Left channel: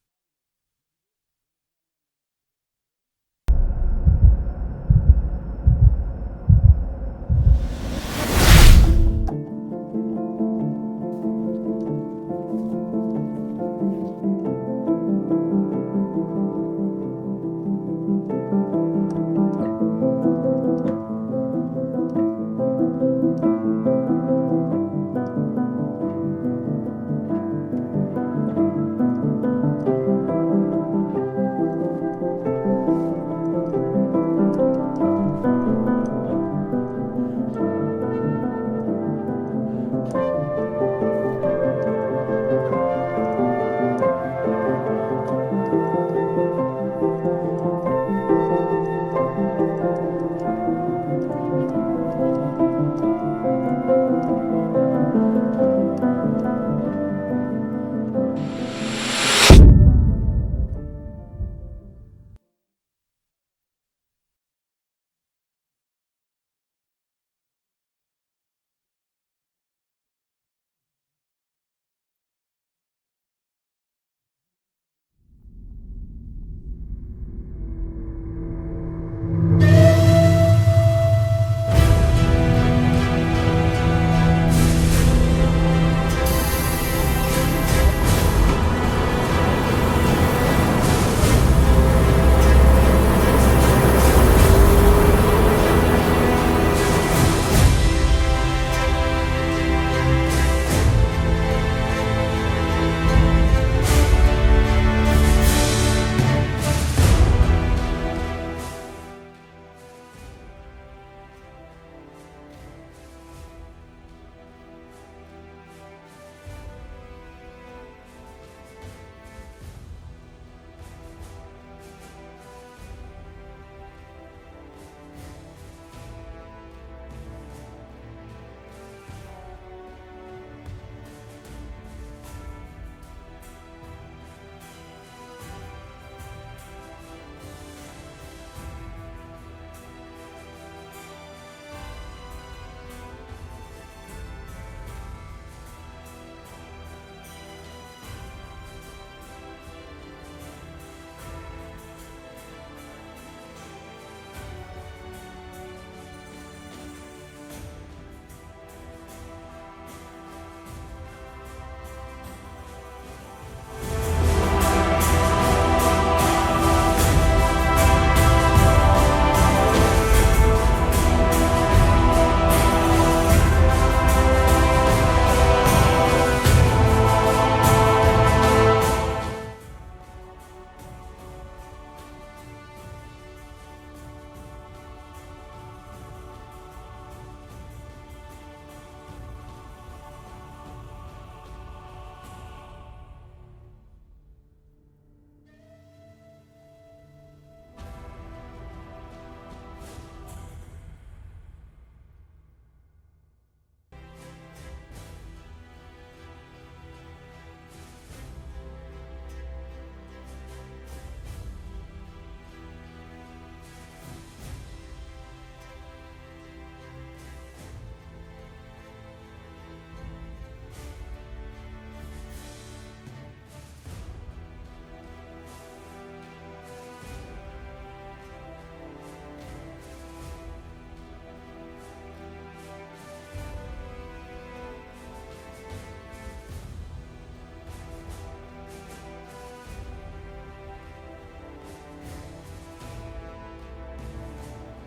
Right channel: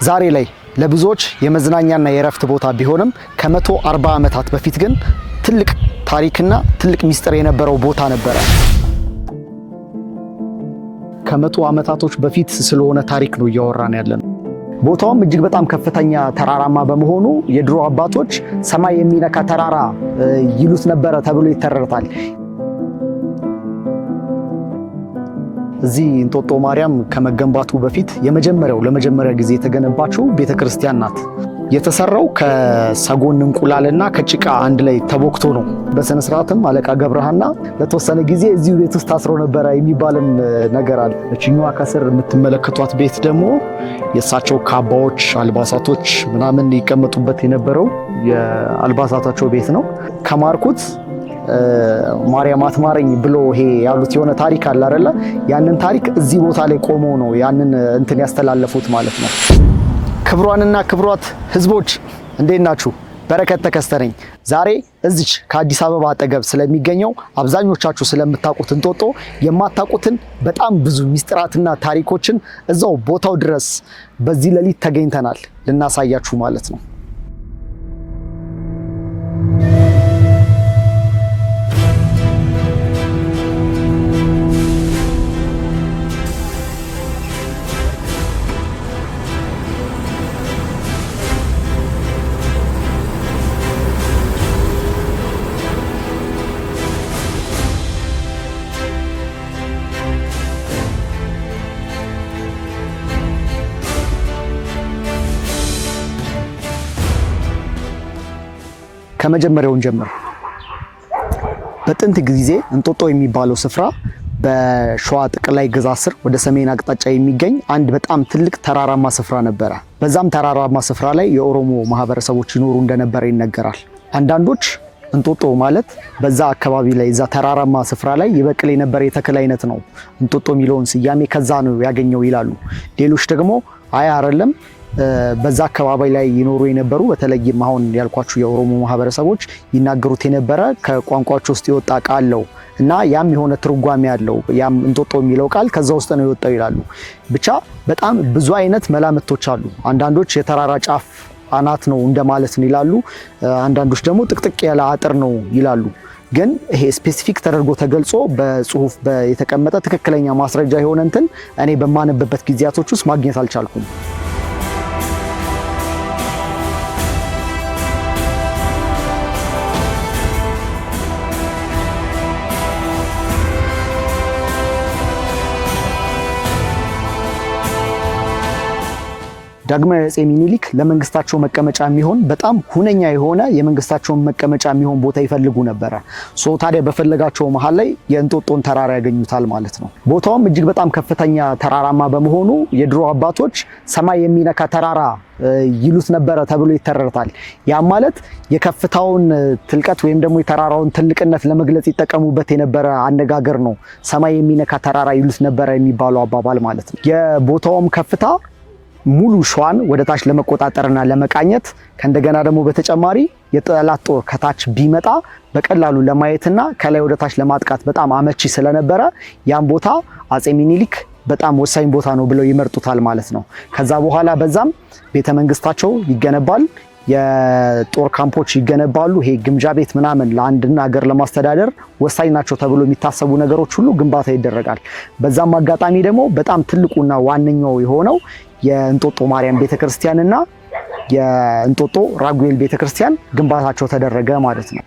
ዛሬ ላይ ለብዙዎች የመዝናኛና የረፍት ቦታ ቢሆንም ከ140 ዓመታት በፊት ግን ትልቅ ታሪክና ትልቅ ሚስጥር የነበረው ቦታ ነበር። ከ100 ዓመታቶች በፊት ስለሆነ ታሪክ ነው እያወራን ያለነው። ቦታውም እጅግ በጣም ከፍተኛ ተራራማ በመሆኑ የድሮ አባቶች ሰማይ የሚነካ ተራራ ይሉት ነበረ ተብሎ ይተረታል። እዚህ እንጦጦ ማርያም ከመገንባቱ በፊት ለመጀመሪያ ጊዜ የተገነባችው ቤተክርስቲያን ናት። የተሰራው ከሰጎን እንቁላልና ከጭቃ አንድ ላይ ተቦክቶ ነው። በስነ ስርዓትም አለቃ ገብረሃና ለተወሰነ ጊዜ እዚሁ ቤት ውስጥ ታስረው ነበረ የሚባልም ነገር አለ። እችኛዋ ከስር የምትመለከቷት ቤት ደግሞ የእሳቸው ካባዎች፣ አልባሳቶች ምናምን ይቀመጡበት የነበረው የአልባሳታቸው ቤት ነው። ከማርኩት ማርያም አትማረኝ ብሎ ይሄ ያሉት የሆነ ታሪክ አለ አይደለ? ያንን ታሪክ እዚህ ቦታ ላይ ቆመው ነው ያንን እንትን ያስተላለፉት ማለት ነው። ክብሯንና ክብሯት ህዝቦች እንዴት ናችሁ? በረከት ተከስተ ነኝ። ዛሬ እዚች ከአዲስ አበባ አጠገብ ስለሚገኘው አብዛኞቻችሁ ስለምታውቁት እንጦጦ የማታውቁትን በጣም ብዙ ሚስጥራትና ታሪኮችን እዛው ቦታው ድረስ በዚህ ሌሊት ተገኝተናል ልናሳያችሁ ማለት ነው። ከመጀመሪያውን ጀምሮ በጥንት ጊዜ እንጦጦ የሚባለው ስፍራ በሸዋ ጠቅላይ ግዛት ስር ወደ ሰሜን አቅጣጫ የሚገኝ አንድ በጣም ትልቅ ተራራማ ስፍራ ነበረ። በዛም ተራራማ ስፍራ ላይ የኦሮሞ ማህበረሰቦች ይኖሩ እንደነበረ ይነገራል። አንዳንዶች እንጦጦ ማለት በዛ አካባቢ ላይ እዛ ተራራማ ስፍራ ላይ ይበቅል የነበረ የተክል አይነት ነው፣ እንጦጦ የሚለውን ስያሜ ከዛ ነው ያገኘው ይላሉ። ሌሎች ደግሞ አይ አይደለም በዛ አካባቢ ላይ ይኖሩ የነበሩ በተለይም አሁን ያልኳችሁ የኦሮሞ ማህበረሰቦች ይናገሩት የነበረ ከቋንቋቸው ውስጥ የወጣ ቃል ነው እና ያም የሆነ ትርጓሜ ያለው ያም እንጦጦ የሚለው ቃል ከዛ ውስጥ ነው የወጣው ይላሉ። ብቻ በጣም ብዙ አይነት መላምቶች አሉ። አንዳንዶች የተራራ ጫፍ አናት ነው እንደማለት ነው ይላሉ። አንዳንዶች ደግሞ ጥቅጥቅ ያለ አጥር ነው ይላሉ። ግን ይሄ ስፔሲፊክ ተደርጎ ተገልጾ በጽሁፍ የተቀመጠ ትክክለኛ ማስረጃ የሆነ እንትን እኔ በማነብበት ጊዜያቶች ውስጥ ማግኘት አልቻልኩም። ዳግማዊ አፄ ሚኒሊክ ለመንግስታቸው መቀመጫ የሚሆን በጣም ሁነኛ የሆነ የመንግስታቸውን መቀመጫ የሚሆን ቦታ ይፈልጉ ነበረ። ታዲያ በፈለጋቸው መሃል ላይ የእንጦጦን ተራራ ያገኙታል ማለት ነው። ቦታውም እጅግ በጣም ከፍተኛ ተራራማ በመሆኑ የድሮ አባቶች ሰማይ የሚነካ ተራራ ይሉት ነበረ ተብሎ ይተረታል። ያ ማለት የከፍታውን ትልቀት ወይም ደግሞ የተራራውን ትልቅነት ለመግለጽ ይጠቀሙበት የነበረ አነጋገር ነው። ሰማይ የሚነካ ተራራ ይሉት ነበረ የሚባለው አባባል ማለት ነው። የቦታውም ከፍታ ሙሉ ሸዋን ወደ ታች ለመቆጣጠርና ለመቃኘት ከእንደገና ደግሞ በተጨማሪ የጠላት ጦር ከታች ቢመጣ በቀላሉ ለማየትና ከላይ ወደ ታች ለማጥቃት በጣም አመቺ ስለነበረ ያን ቦታ አፄ ሚኒሊክ በጣም ወሳኝ ቦታ ነው ብለው ይመርጡታል ማለት ነው። ከዛ በኋላ በዛም ቤተ መንግስታቸው ይገነባል፣ የጦር ካምፖች ይገነባሉ። ይሄ ግምጃ ቤት ምናምን ለአንድና ሀገር ለማስተዳደር ወሳኝ ናቸው ተብሎ የሚታሰቡ ነገሮች ሁሉ ግንባታ ይደረጋል። በዛም አጋጣሚ ደግሞ በጣም ትልቁና ዋነኛው የሆነው የእንጦጦ ማርያም ቤተክርስቲያንና የእንጦጦ ራጉኤል ቤተክርስቲያን ግንባታቸው ተደረገ ማለት ነው።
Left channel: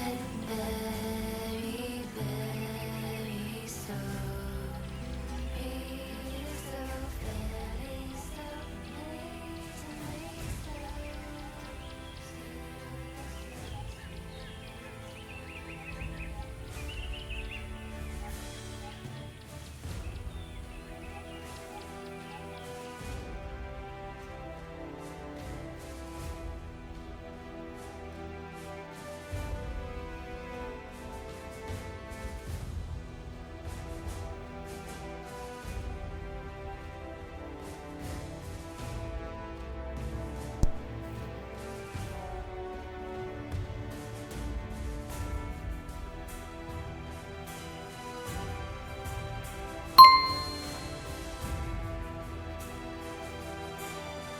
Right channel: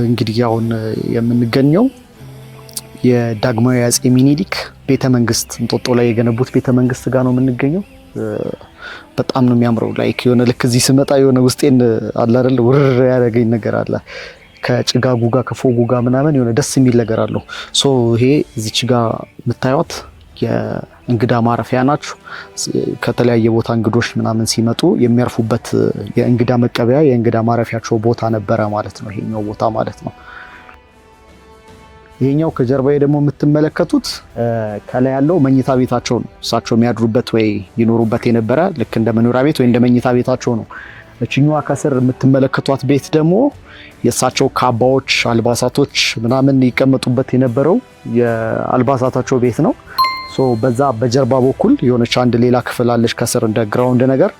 እንግዲህ አሁን የምንገኘው የዳግማዊ አፄ ሚኒሊክ ቤተመንግስት እንጦጦ ላይ የገነቡት ቤተመንግስት ጋር ነው የምንገኘው። በጣም ነው የሚያምረው። ላይክ የሆነ ልክ እዚህ ስመጣ የሆነ ውስጤን አለ አይደል ውርር ያደረገኝ ነገር አለ። ከጭጋጉ ጋር ከፎጉ ጋር ምናምን የሆነ ደስ የሚል ነገር አለው። ሶ ይሄ እዚች ጋር የምታዩት የእንግዳ ማረፊያ ናቸው። ከተለያየ ቦታ እንግዶች ምናምን ሲመጡ የሚያርፉበት የእንግዳ መቀበያ የእንግዳ ማረፊያቸው ቦታ ነበረ ማለት ነው፣ ይሄኛው ቦታ ማለት ነው። ይሄኛው ከጀርባዬ ደግሞ የምትመለከቱት ከላይ ያለው መኝታ ቤታቸው ነው። እሳቸው የሚያድሩበት ወይ ይኖሩበት የነበረ ልክ እንደ መኖሪያ ቤት ወይ እንደ መኝታ ቤታቸው ነው። እችኛዋ ከስር የምትመለከቷት ቤት ደግሞ የእሳቸው ካባዎች፣ አልባሳቶች ምናምን ይቀመጡበት የነበረው የአልባሳታቸው ቤት ነው። ሶ በዛ በጀርባ በኩል የሆነች አንድ ሌላ ክፍል አለች ከስር እንደ ግራውንድ ነገር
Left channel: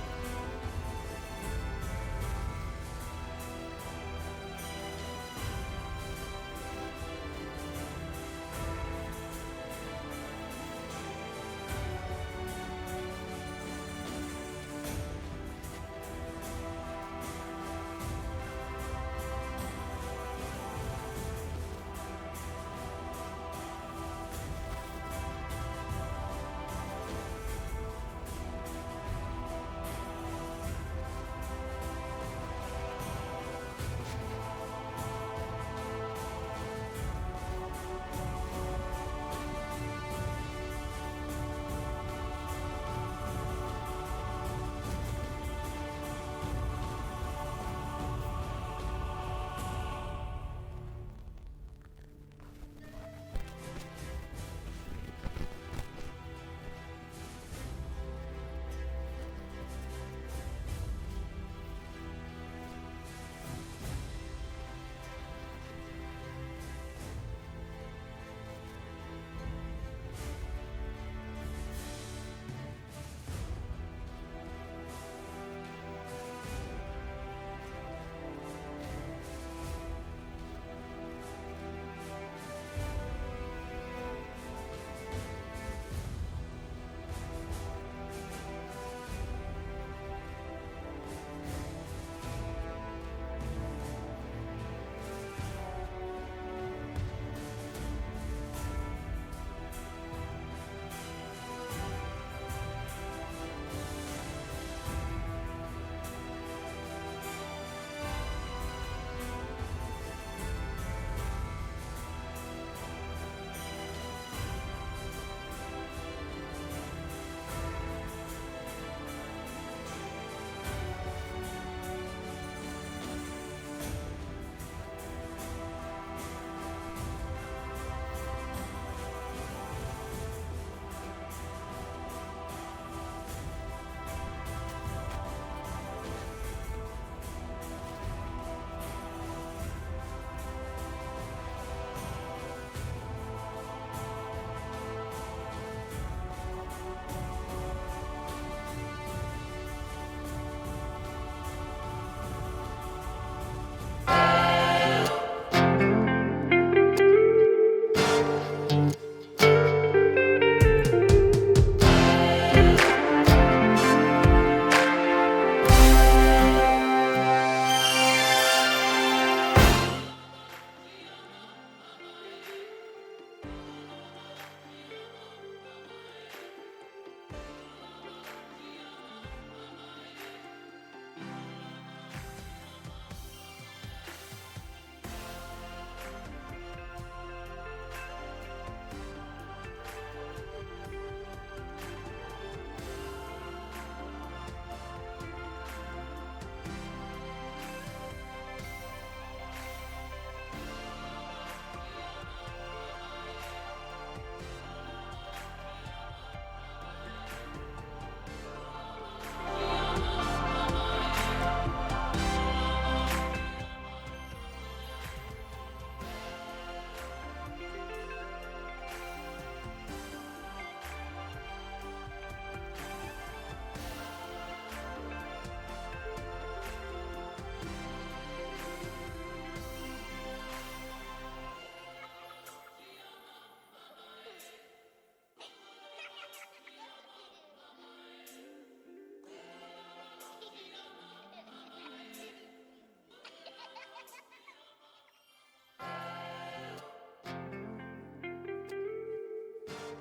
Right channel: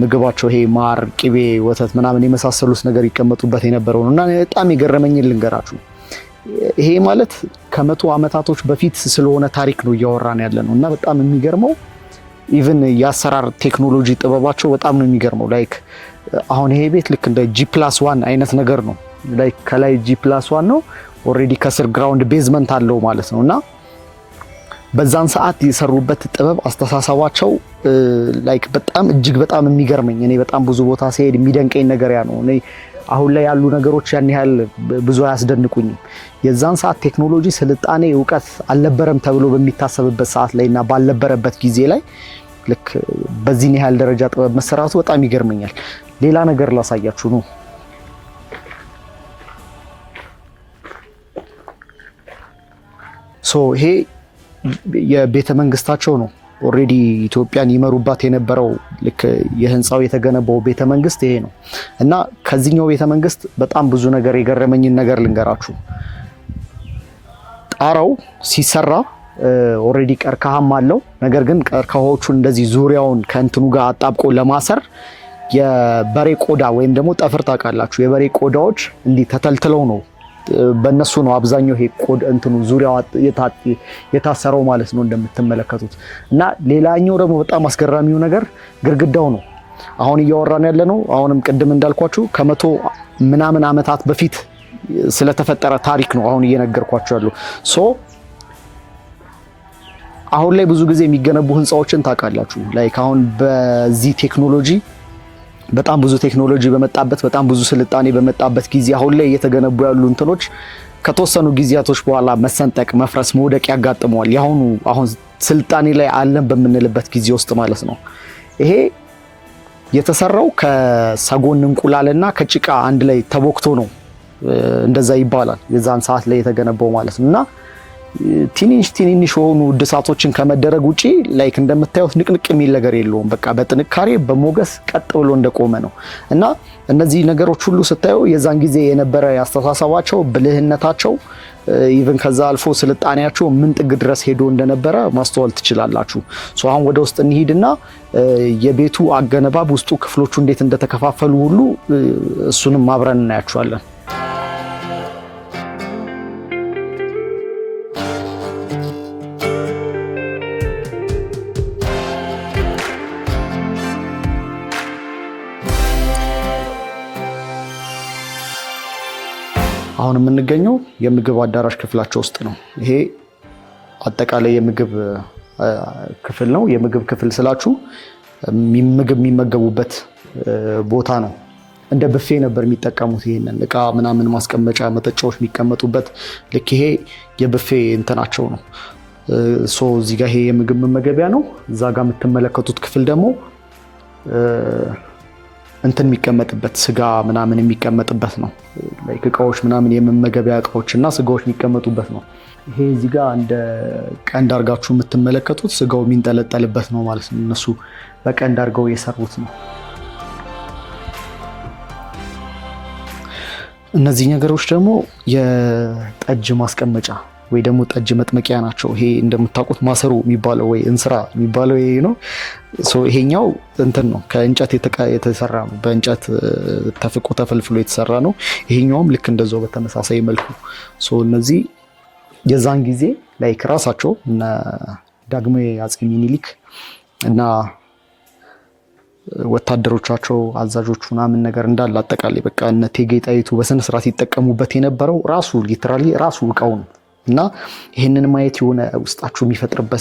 ምግባቸው ይሄ ማር፣ ቅቤ፣ ወተት ምናምን የመሳሰሉት ነገር ይቀመጡበት የነበረው ነው እና በጣም የገረመኝን ልንገራችሁ። ይሄ ማለት ከመቶ ዓመታቶች በፊት ስለሆነ ታሪክ ነው እያወራን ያለ ነው እና በጣም የሚገርመው ኢቭን የአሰራር ቴክኖሎጂ ጥበባቸው በጣም ነው የሚገርመው። ላይክ አሁን ይሄ ቤት ልክ እንደ G+1 አይነት ነገር ነው። ላይክ ከላይ G+1 ነው ኦልሬዲ ከስር ግራውንድ ቤዝመንት አለው ማለት ነው እና በዛን ሰዓት የሰሩበት ጥበብ አስተሳሰባቸው ላይክ በጣም እጅግ በጣም የሚገርመኝ እኔ በጣም ብዙ ቦታ ሲሄድ የሚደንቀኝ ነገር ያ ነው። እኔ አሁን ላይ ያሉ ነገሮች ያን ያህል ብዙ አያስደንቁኝም። የዛን ሰዓት ቴክኖሎጂ፣ ስልጣኔ፣ እውቀት አልነበረም ተብሎ በሚታሰብበት ሰዓት ላይ እና ባልነበረበት ጊዜ ላይ ልክ በዚህ ያህል ደረጃ ጥበብ መሰራቱ በጣም ይገርመኛል። ሌላ ነገር ላሳያችሁ ነው። ሶ ይሄ የቤተ መንግስታቸው ነው። ኦልሬዲ ኢትዮጵያን ይመሩባት የነበረው ልክ የህንፃው የተገነባው ቤተ መንግስት ይሄ ነው እና ከዚህኛው ቤተ መንግስት በጣም ብዙ ነገር የገረመኝን ነገር ልንገራችሁ። ጣራው ሲሰራ ኦልሬዲ ቀርከሃም አለው። ነገር ግን ቀርከሃዎቹን እንደዚህ ዙሪያውን ከእንትኑ ጋር አጣብቆ ለማሰር የበሬ ቆዳ ወይም ደግሞ ጠፍር ታውቃላችሁ፣ የበሬ ቆዳዎች እንዲህ ተተልትለው ነው በእነሱ ነው አብዛኛው ይሄ እንትኑ ዙሪያው የታሰረው ማለት ነው እንደምትመለከቱት። እና ሌላኛው ደግሞ በጣም አስገራሚው ነገር ግድግዳው ነው። አሁን እያወራን ያለ ነው አሁንም ቅድም እንዳልኳችሁ ከመቶ ምናምን ዓመታት በፊት ስለተፈጠረ ታሪክ ነው አሁን እየነገርኳችሁ ያለው። ሶ አሁን ላይ ብዙ ጊዜ የሚገነቡ ህንፃዎችን ታውቃላችሁ ላይክ አሁን በዚህ ቴክኖሎጂ በጣም ብዙ ቴክኖሎጂ በመጣበት በጣም ብዙ ስልጣኔ በመጣበት ጊዜ አሁን ላይ እየተገነቡ ያሉ እንትኖች ከተወሰኑ ጊዜያቶች በኋላ መሰንጠቅ፣ መፍረስ፣ መውደቅ ያጋጥመዋል። አሁን ስልጣኔ ላይ አለን በምንልበት ጊዜ ውስጥ ማለት ነው። ይሄ የተሰራው ከሰጎን እንቁላልና ከጭቃ አንድ ላይ ተቦክቶ ነው እንደዛ ይባላል የዛን ሰዓት ላይ የተገነባው ማለት ነው። እና ትንንሽ የሆኑ እድሳቶችን ከመደረግ ውጪ ላይክ እንደምታዩት ንቅንቅ የሚል ነገር የለውም። በቃ በጥንካሬ በሞገስ ቀጥ ብሎ እንደቆመ ነው እና እነዚህ ነገሮች ሁሉ ስታዩ የዛን ጊዜ የነበረ ያስተሳሰባቸው፣ ብልህነታቸው ኢቭን ከዛ አልፎ ስልጣኔያቸው ምን ጥግ ድረስ ሄዶ እንደነበረ ማስተዋል ትችላላችሁ። ሶ አሁን ወደ ውስጥ እንሂድና የቤቱ አገነባብ ውስጡ ክፍሎቹ እንዴት እንደተከፋፈሉ ሁሉ እሱንም አብረን እናያቸዋለን። አሁን የምንገኘው የምግብ አዳራሽ ክፍላቸው ውስጥ ነው። ይሄ አጠቃላይ የምግብ ክፍል ነው። የምግብ ክፍል ስላችሁ ምግብ የሚመገቡበት ቦታ ነው። እንደ ብፌ ነበር የሚጠቀሙት። ይሄንን እቃ ምናምን ማስቀመጫ፣ መጠጫዎች የሚቀመጡበት ልክ ይሄ የብፌ እንትናቸው ነው። ሶ እዚህ ጋር ይሄ የምግብ መመገቢያ ነው። እዛ ጋር የምትመለከቱት ክፍል ደግሞ እንትን የሚቀመጥበት ስጋ ምናምን የሚቀመጥበት ነው። ላይክ እቃዎች ምናምን የመመገቢያ እቃዎችና ስጋዎች የሚቀመጡበት ነው። ይሄ እዚህ ጋር እንደ ቀንድ አርጋችሁ የምትመለከቱት ስጋው የሚንጠለጠልበት ነው ማለት ነው። እነሱ በቀንድ አርገው የሰሩት ነው። እነዚህ ነገሮች ደግሞ የጠጅ ማስቀመጫ ወይ ደግሞ ጠጅ መጥመቂያ ናቸው። ይሄ እንደምታውቁት ማሰሮ የሚባለው ወይ እንስራ የሚባለው ይሄ ነው። ይሄኛው እንትን ነው ከእንጨት የተሰራ ነው። በእንጨት ተፍቆ ተፈልፍሎ የተሰራ ነው። ይሄኛውም ልክ እንደዛው በተመሳሳይ መልኩ እነዚህ የዛን ጊዜ ላይክ ራሳቸው እና ዳግማዊ አፄ ሚኒሊክ እና ወታደሮቻቸው አዛዦቹ ምናምን ነገር እንዳለ አጠቃላይ በቃ እነ እቴጌ ጣይቱ በስነ ስርዓት ይጠቀሙበት የነበረው ራሱ ሊትራሊ ራሱ እቃው ነው። እና ይህንን ማየት የሆነ ውስጣችሁ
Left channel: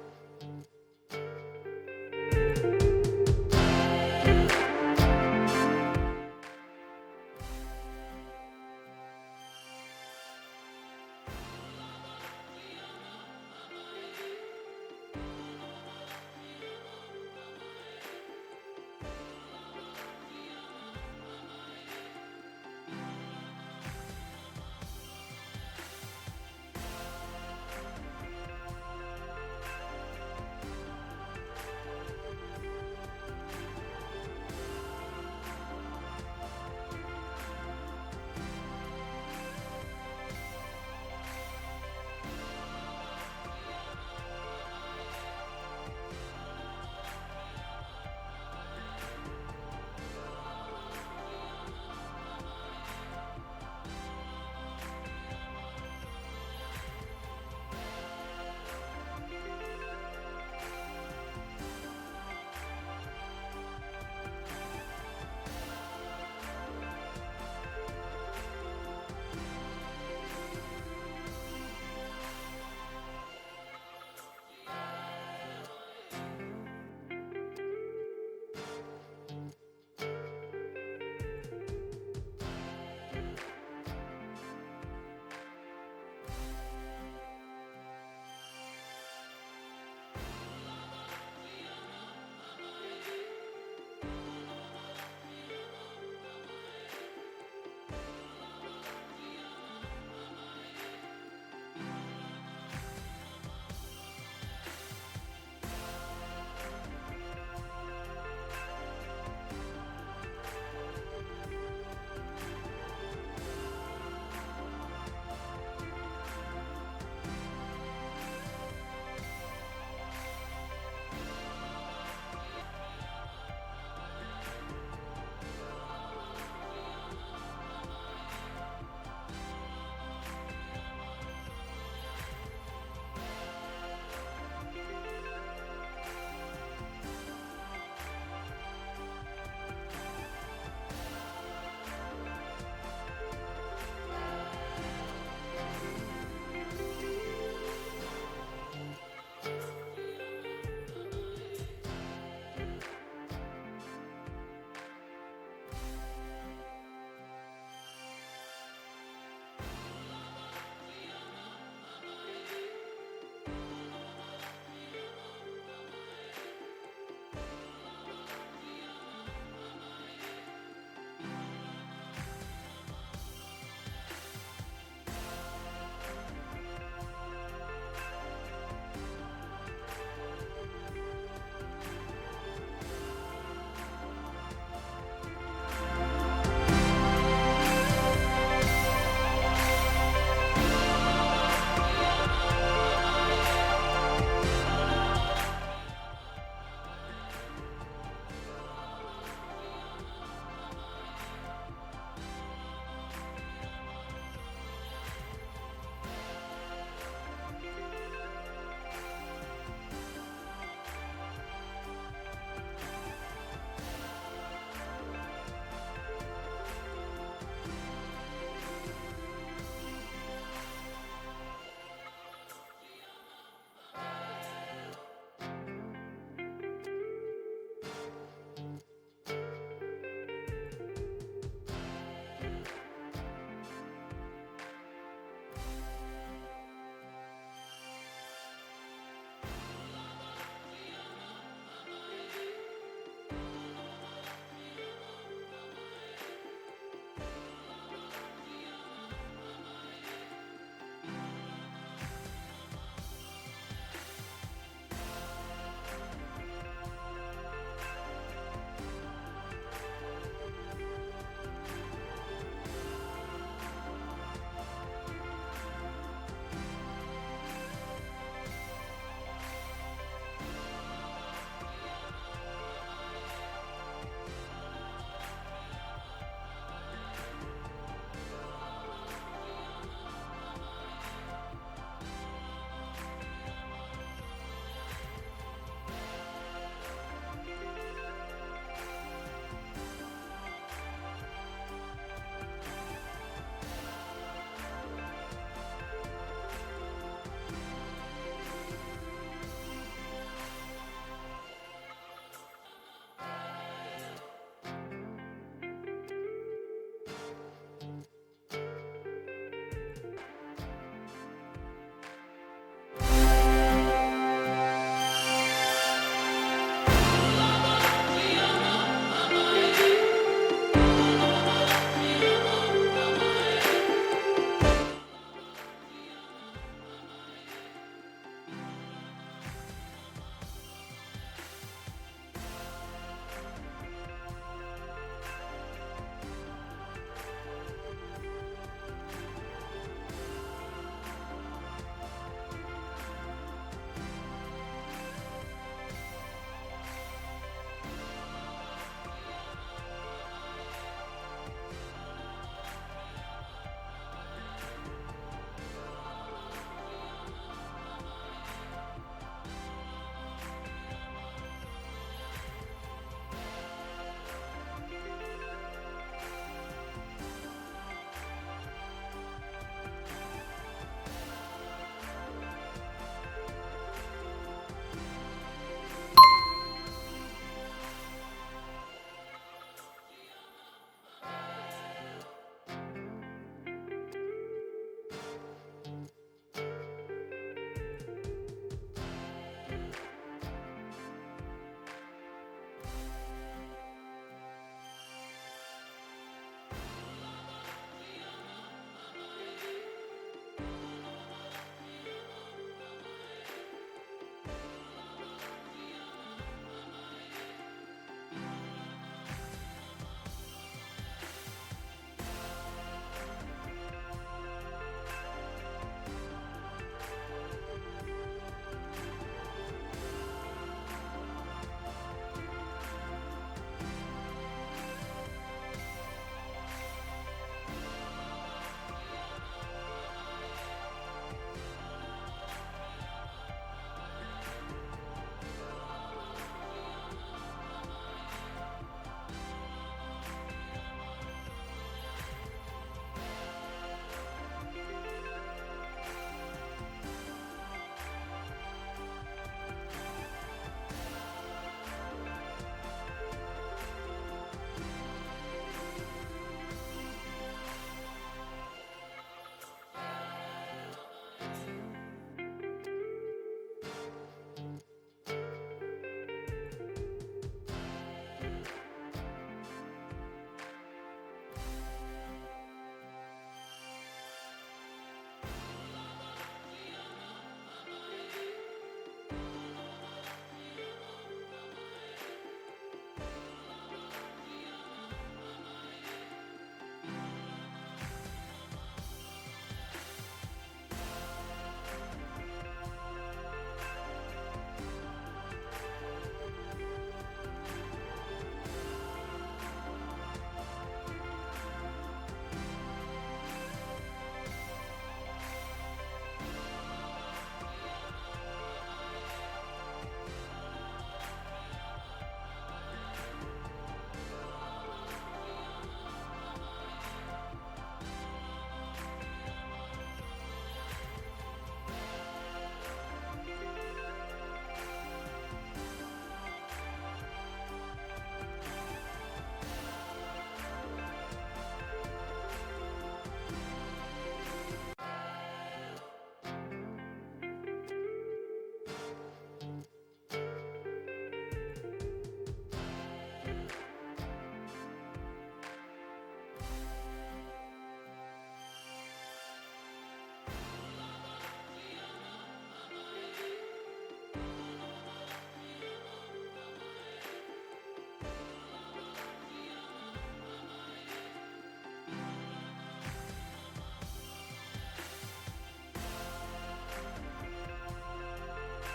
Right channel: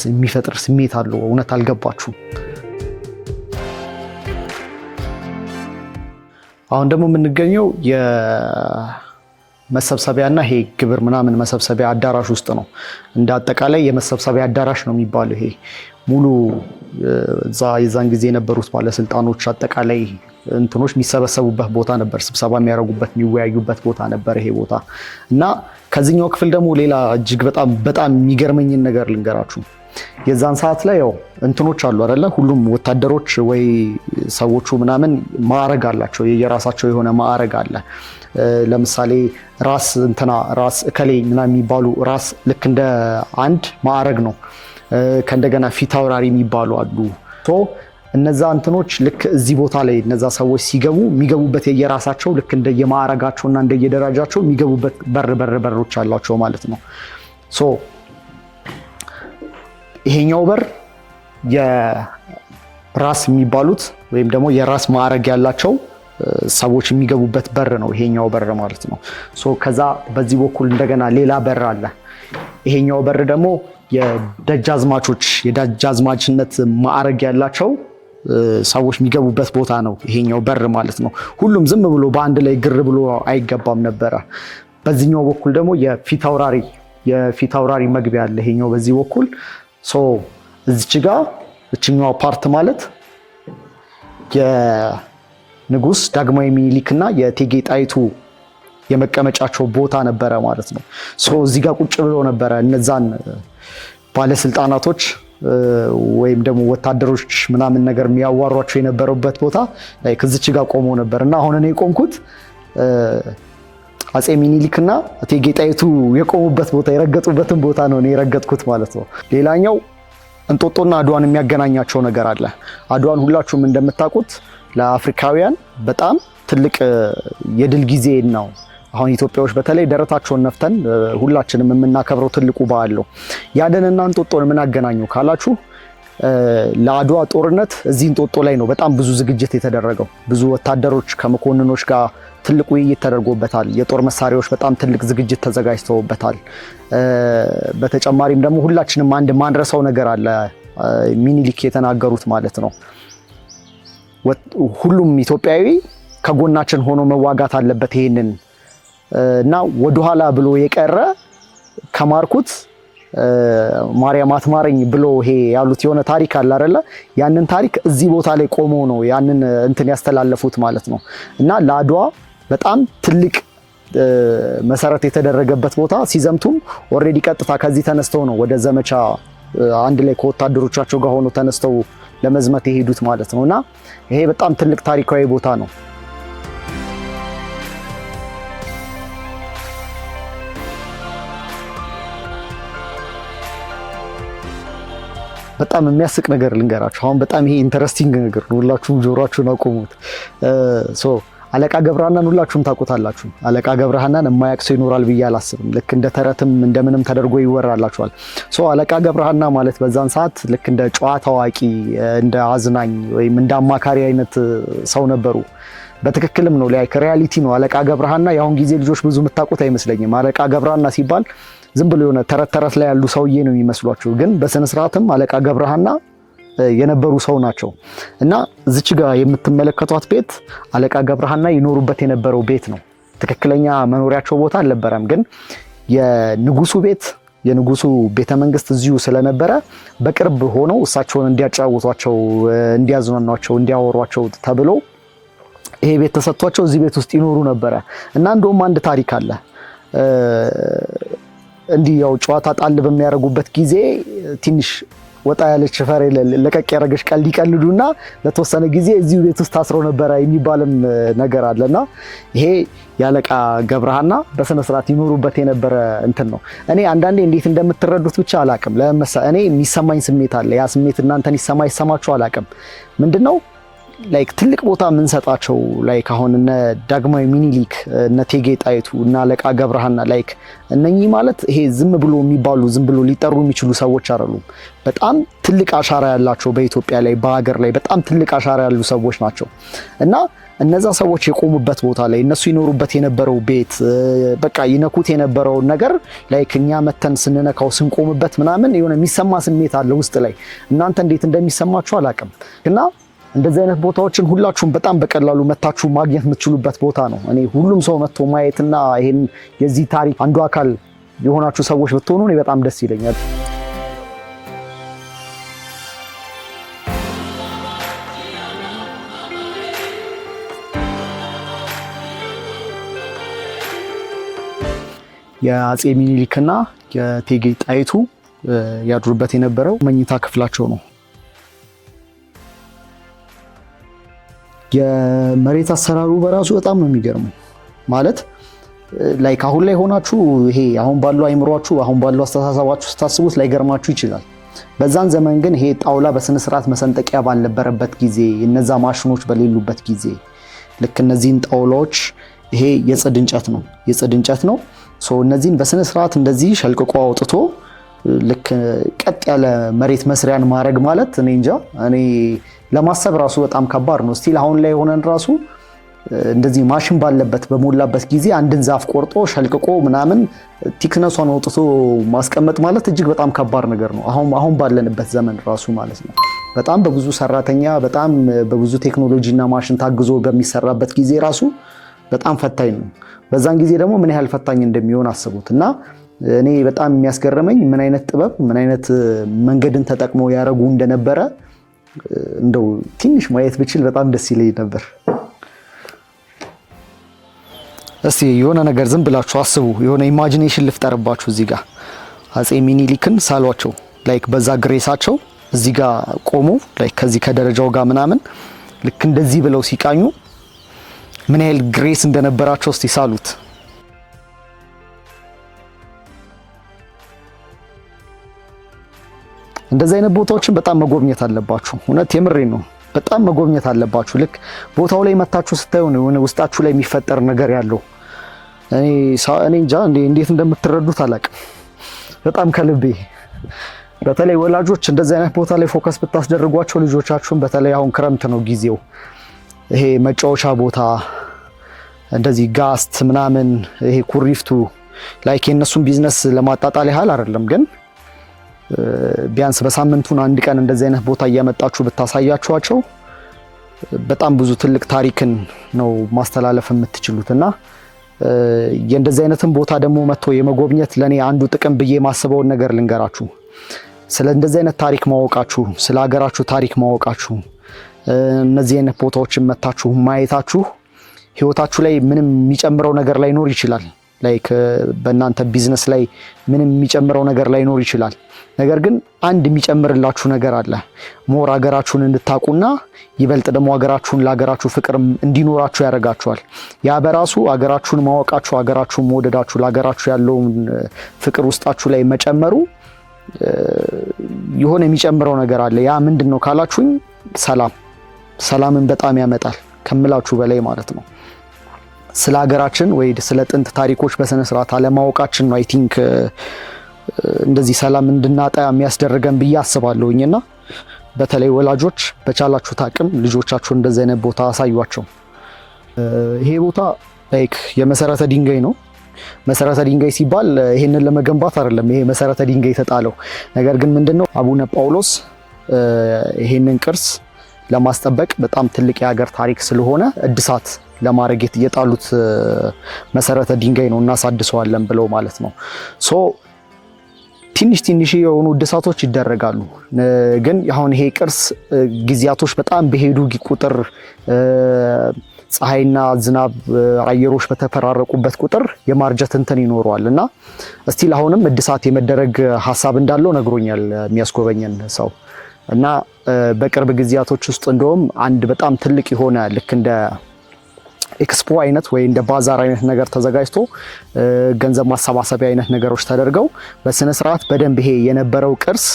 የሚፈጥር ስሜት አለው። እውነት አልገባችሁም? አሁን ደግሞ የምንገኘው የመሰብሰቢያና ይሄ ግብር ምናምን መሰብሰቢያ አዳራሽ ውስጥ ነው። እንደ አጠቃላይ የመሰብሰቢያ አዳራሽ ነው የሚባለው ይሄ ሙሉ እዛ የዛን ጊዜ የነበሩት ባለስልጣኖች አጠቃላይ እንትኖች የሚሰበሰቡበት ቦታ ነበር። ስብሰባ የሚያደርጉበት የሚወያዩበት ቦታ ነበር ይሄ ቦታ እና ከዚህኛው ክፍል ደግሞ ሌላ እጅግ በጣም የሚገርመኝን ነገር ልንገራችሁ። የዛን ሰዓት ላይ ያው እንትኖች አሉ አይደለ? ሁሉም ወታደሮች ወይ ሰዎቹ ምናምን ማዕረግ አላቸው፣ የየራሳቸው የሆነ ማዕረግ አለ። ለምሳሌ ራስ እከሌ ምናምን የሚባሉ ራስ ልክ እንደ አንድ ማዕረግ ነው። ከእንደገና ፊት አውራሪ የሚባሉ አሉ። እነዛ እንትኖች ልክ እዚህ ቦታ ላይ እነዛ ሰዎች ሲገቡ የሚገቡበት የየራሳቸው ልክ እንደየማዕረጋቸውና እንደየደረጃቸው የሚገቡበት በሮች አሏቸው ማለት ነው። ይሄኛው በር የራስ የሚባሉት ወይም ደግሞ የራስ ማዕረግ ያላቸው ሰዎች የሚገቡበት በር ነው ይሄኛው በር ማለት ነው። ከዛ በዚህ በኩል እንደገና ሌላ በር አለ። ይሄኛው በር ደግሞ የደጃዝማችነት ማዕረግ ያላቸው ሰዎች የሚገቡበት ቦታ ነው ይሄኛው በር ማለት ነው። ሁሉም ዝም ብሎ በአንድ ላይ ግር ብሎ አይገባም ነበረ። በዚህኛው በኩል ደግሞ የፊት አውራሪ መግቢያ አለ ይሄኛው በዚህ በኩል። እዚች ጋር እችኛው ፓርት ማለት የንጉስ ዳግማዊ ሚኒሊክ እና የእቴጌ ጣይቱ የመቀመጫቸው ቦታ ነበረ ማለት ነው። እዚህ ጋር ቁጭ ብሎ ነበረ እነዛን ባለስልጣናቶች ወይም ደግሞ ወታደሮች ምናምን ነገር የሚያዋሯቸው የነበረበት ቦታ ላይ ከዚች ጋር ቆሞ ነበር እና አሁን እኔ የቆምኩት አፄ ሚኒሊክና እቴጌ ጣይቱ የቆሙበት ቦታ የረገጡበትን ቦታ ነው እኔ የረገጥኩት ማለት ነው። ሌላኛው እንጦጦና አድዋን የሚያገናኛቸው ነገር አለ። አድዋን ሁላችሁም እንደምታውቁት ለአፍሪካውያን በጣም ትልቅ የድል ጊዜ ነው። አሁን ኢትዮጵያዎች በተለይ ደረታቸውን ነፍተን ሁላችንም የምናከብረው ትልቁ በዓል ነው። ያደንና እንጦጦን ምን አገናኘው ካላችሁ ለአድዋ ጦርነት እዚህ እንጦጦ ላይ ነው በጣም ብዙ ዝግጅት የተደረገው። ብዙ ወታደሮች ከመኮንኖች ጋር ትልቅ ውይይት ተደርጎበታል። የጦር መሳሪያዎች በጣም ትልቅ ዝግጅት ተዘጋጅተውበታል። በተጨማሪም ደግሞ ሁላችንም አንድ ማንረሳው ነገር አለ፣ ሚኒሊክ የተናገሩት ማለት ነው። ሁሉም ኢትዮጵያዊ ከጎናችን ሆኖ መዋጋት አለበት ይሄንን እና ወደኋላ ብሎ የቀረ ከማርኩት ማርያም አትማረኝ ብሎ ይሄ ያሉት የሆነ ታሪክ አለ አይደለ? ያንን ታሪክ እዚህ ቦታ ላይ ቆሞ ነው ያንን እንትን ያስተላለፉት ማለት ነው። እና ለአድዋ በጣም ትልቅ መሰረት የተደረገበት ቦታ ሲዘምቱም ኦልሬዲ ቀጥታ ከዚህ ተነስተው ነው ወደ ዘመቻ አንድ ላይ ከወታደሮቻቸው ጋር ሆኖ ተነስተው ለመዝመት የሄዱት ማለት ነው። እና ይሄ በጣም ትልቅ ታሪካዊ ቦታ ነው። በጣም የሚያስቅ ነገር ልንገራችሁ። አሁን በጣም ይሄ ኢንተረስቲንግ ነገር ነው። ሁላችሁም ጆሮአችሁን አቆሙት። አለቃ ገብረሃናን ሁላችሁም ታውቁታላችሁ። አለቃ ገብረሃናን የማያውቅ ሰው ይኖራል ብዬ አላስብም። ልክ እንደ ተረትም እንደምንም ተደርጎ ይወራላችኋል። አለቃ ገብረሃና ማለት በዛን ሰዓት ልክ እንደ ጨዋታ አዋቂ፣ እንደ አዝናኝ ወይም እንደ አማካሪ አይነት ሰው ነበሩ። በትክክልም ነው ላይ ሪያሊቲ ነው። አለቃ ገብረሃና የአሁን ጊዜ ልጆች ብዙ የምታውቁት አይመስለኝም። አለቃ ገብረሃና ሲባል ዝም ብሎ የሆነ ተረት ላይ ያሉ ሰውዬ ነው የሚመስሏቸው፣ ግን በስነ ስርዓትም አለቃ ገብረሃና የነበሩ ሰው ናቸው። እና እዚች ጋር የምትመለከቷት ቤት አለቃ ገብረሃና ይኖሩበት የነበረው ቤት ነው። ትክክለኛ መኖሪያቸው ቦታ አልነበረም፣ ግን የንጉሱ ቤተ መንግስት እዚሁ ስለነበረ በቅርብ ሆነው እሳቸውን እንዲያጫውቷቸው፣ እንዲያዝናኗቸው፣ እንዲያወሯቸው ተብሎ ይሄ ቤት ተሰጥቷቸው እዚህ ቤት ውስጥ ይኖሩ ነበረ። እና እንደውም አንድ ታሪክ አለ። እንዲህ ያው ጨዋታ ጣል በሚያደርጉበት ጊዜ ትንሽ ወጣ ያለች ፈሬ ለቀቅ ያደረገች ቀልድ ይቀልዱና ለተወሰነ ጊዜ እዚሁ ቤት ውስጥ ታስረው ነበረ የሚባልም ነገር አለና ይሄ የአለቃ ገብረሃና በስነ ስርዓት ይኖሩበት የነበረ እንትን ነው። እኔ አንዳንዴ እንዴት እንደምትረዱት ብቻ አላቅም። እኔ የሚሰማኝ ስሜት አለ። ያ ስሜት እናንተን ይሰማችሁ አላቅም። ምንድነው ላይክ ትልቅ ቦታ የምንሰጣቸው ላይክ አሁን እነ ዳግማዊ ሚኒሊክ፣ እነ እቴጌ ጣይቱ እና አለቃ ገብረሃና ላይክ እነኚህ ማለት ይሄ ዝም ብሎ ሊጠሩ የሚችሉ ሰዎች አይደሉም። በጣም ትልቅ አሻራ ያላቸው በኢትዮጵያ ላይ በሀገር ላይ በጣም ትልቅ አሻራ ያሉ ሰዎች ናቸው። እና እነዛ ሰዎች የቆሙበት ቦታ ላይ እነሱ ይኖሩበት የነበረው ቤት በቃ ይነኩት የነበረውን ነገር ላይክ እኛ መተን ስንነካው ስንቆምበት ምናምን የሆነ የሚሰማ ስሜት አለ ውስጥ ላይ። እናንተ እንዴት እንደሚሰማችሁ አላውቅም እና እንደዚህ አይነት ቦታዎችን ሁላችሁም በጣም በቀላሉ መታችሁ ማግኘት የምትችሉበት ቦታ ነው። እኔ ሁሉም ሰው መጥቶ ማየትና ይሄን የዚህ ታሪክ አንዱ አካል የሆናችሁ ሰዎች ብትሆኑ እኔ በጣም ደስ ይለኛል። የአፄ ሚኒሊክና የእቴጌ ጣይቱ ያድሩበት የነበረው መኝታ ክፍላቸው ነው። የመሬት አሰራሩ በራሱ በጣም ነው የሚገርመው። ማለት ላይክ አሁን ላይ ሆናችሁ ይሄ አሁን ባለው አይምሯችሁ አሁን ባለው አስተሳሰባችሁ ስታስቡት ላይገርማችሁ ይችላል። በዛን ዘመን ግን ይሄ ጣውላ በስነ ስርዓት መሰንጠቂያ ባልነበረበት ጊዜ፣ እነዛ ማሽኖች በሌሉበት ጊዜ ልክ እነዚህን ጣውላዎች ይሄ የጽድ እንጨት ነው እነዚህን በስነ ስርዓት እንደዚህ ሸልቅቆ አውጥቶ ልክ ቀጥ ያለ መሬት መስሪያን ማድረግ ማለት እኔ እንጃ፣ እኔ ለማሰብ ራሱ በጣም ከባድ ነው። ስቲል አሁን ላይ ሆነን ራሱ እንደዚህ ማሽን ባለበት በሞላበት ጊዜ አንድን ዛፍ ቆርጦ ሸልቅቆ ምናምን ቲክነሷን አውጥቶ ማስቀመጥ ማለት እጅግ በጣም ከባድ ነገር ነው። አሁን ባለንበት ዘመን ራሱ ማለት ነው። በጣም በብዙ ሰራተኛ በጣም በብዙ ቴክኖሎጂና ማሽን ታግዞ በሚሰራበት ጊዜ ራሱ በጣም ፈታኝ ነው። በዛን ጊዜ ደግሞ ምን ያህል ፈታኝ እንደሚሆን አስቡት። እና እኔ በጣም የሚያስገርመኝ ምን አይነት ጥበብ ምን አይነት መንገድን ተጠቅመው ያረጉ እንደነበረ እንደው ትንሽ ማየት ብችል በጣም ደስ ይለኝ ነበር። እስቲ የሆነ ነገር ዝም ብላችሁ አስቡ፣ የሆነ ኢማጂኔሽን ልፍጠርባችሁ። እዚህ ጋር አፄ ሚኒሊክን ሳሏቸው ላይክ በዛ ግሬሳቸው እዚህ ጋር ቆሙ ላይክ ከዚህ ከደረጃው ጋር ምናምን ልክ እንደዚህ ብለው ሲቃኙ ምን ያህል ግሬስ እንደነበራቸው እስቲ ሳሉት። እንደዚህ አይነት ቦታዎችን በጣም መጎብኘት አለባችሁ። እውነት የምሬን ነው፣ በጣም መጎብኘት አለባችሁ። ልክ ቦታው ላይ መታችሁ ስታዩ ነው የሆነ ውስጣችሁ ላይ የሚፈጠር ነገር ያለው። እኔ እንጃ እንዴት እንደምትረዱት አላውቅም። በጣም ከልቤ በተለይ ወላጆች እንደዚህ አይነት ቦታ ላይ ፎከስ ብታስደርጓቸው ልጆቻችሁን፣ በተለይ አሁን ክረምት ነው ጊዜው፣ ይሄ መጫወቻ ቦታ እንደዚህ ጋስት ምናምን ይሄ ኩሪፍቱ ላይክ የነሱን ቢዝነስ ለማጣጣል ያህል አይደለም፣ ግን ቢያንስ በሳምንቱን አንድ ቀን እንደዚህ አይነት ቦታ እያመጣችሁ ብታሳያችኋቸው በጣም ብዙ ትልቅ ታሪክን ነው ማስተላለፍ የምትችሉት። እና የእንደዚህ አይነትን ቦታ ደግሞ መጥቶ የመጎብኘት ለኔ አንዱ ጥቅም ብዬ ማስበውን ነገር ልንገራችሁ። ስለ እንደዚህ አይነት ታሪክ ማወቃችሁ፣ ስለ ሀገራችሁ ታሪክ ማወቃችሁ፣ እነዚህ አይነት ቦታዎችን መታችሁ ማየታችሁ ህይወታችሁ ላይ ምንም የሚጨምረው ነገር ላይኖር ይችላል። ላይክ በእናንተ ቢዝነስ ላይ ምንም የሚጨምረው ነገር ላይኖር ይችላል። ነገር ግን አንድ የሚጨምርላችሁ ነገር አለ። ሞር ሀገራችሁን እንድታቁና ይበልጥ ደግሞ ሀገራችሁን ለሀገራችሁ ፍቅር እንዲኖራችሁ ያደርጋችኋል። ያ በራሱ ሀገራችሁን ማወቃችሁ፣ ሀገራችሁን መውደዳችሁ፣ ለሀገራችሁ ያለውን ፍቅር ውስጣችሁ ላይ መጨመሩ የሆነ የሚጨምረው ነገር አለ። ያ ምንድን ነው ካላችሁኝ፣ ሰላምን በጣም ያመጣል ከምላችሁ በላይ ማለት ነው። ስለ ሀገራችን ወይ ስለ ጥንት ታሪኮች በስነ ስርዓት አለማወቃችን ነው አይ ቲንክ እንደዚህ ሰላም እንድናጣ የሚያስደርገን ብዬ አስባለሁኝና በተለይ ወላጆች በቻላችሁት አቅም ልጆቻችሁን እንደዚህ አይነት ቦታ አሳዩአቸው። ይሄ ቦታ ላይክ የመሰረተ ድንጋይ ነው። መሰረተ ድንጋይ ሲባል ይሄንን ለመገንባት አይደለም ይሄ መሰረተ ድንጋይ የተጣለው። ነገር ግን ምንድነው አቡነ ጳውሎስ ይሄንን ቅርስ ለማስጠበቅ በጣም ትልቅ የሀገር ታሪክ ስለሆነ እድሳት ለማድረግ የጣሉት መሰረተ ድንጋይ ነው፣ እናሳድሰዋለን ብለው ማለት ነው። ትንሽ የሆኑ እድሳቶች ይደረጋሉ። ግን አሁን ይሄ ቅርስ ጊዜያቶች በጣም በሄዱ ቁጥር ፀሐይና ዝናብ አየሮች በተፈራረቁበት ቁጥር የማርጀት እንትን ይኖረዋል እና እስቲል አሁንም እድሳት የመደረግ ሀሳብ እንዳለው ነግሮኛል የሚያስጎበኘን ሰው። እና በቅርብ ጊዜያቶች ውስጥ እንደውም አንድ በጣም ትልቅ የሆነ ልክ እንደ ኤክስፖ አይነት ወይ እንደ ባዛር አይነት ነገር ተዘጋጅቶ ገንዘብ ማሰባሰቢያ አይነት ነገሮች ተደርገው በስነ ስርዓት በደንብ ይሄ የነበረው ቅርስ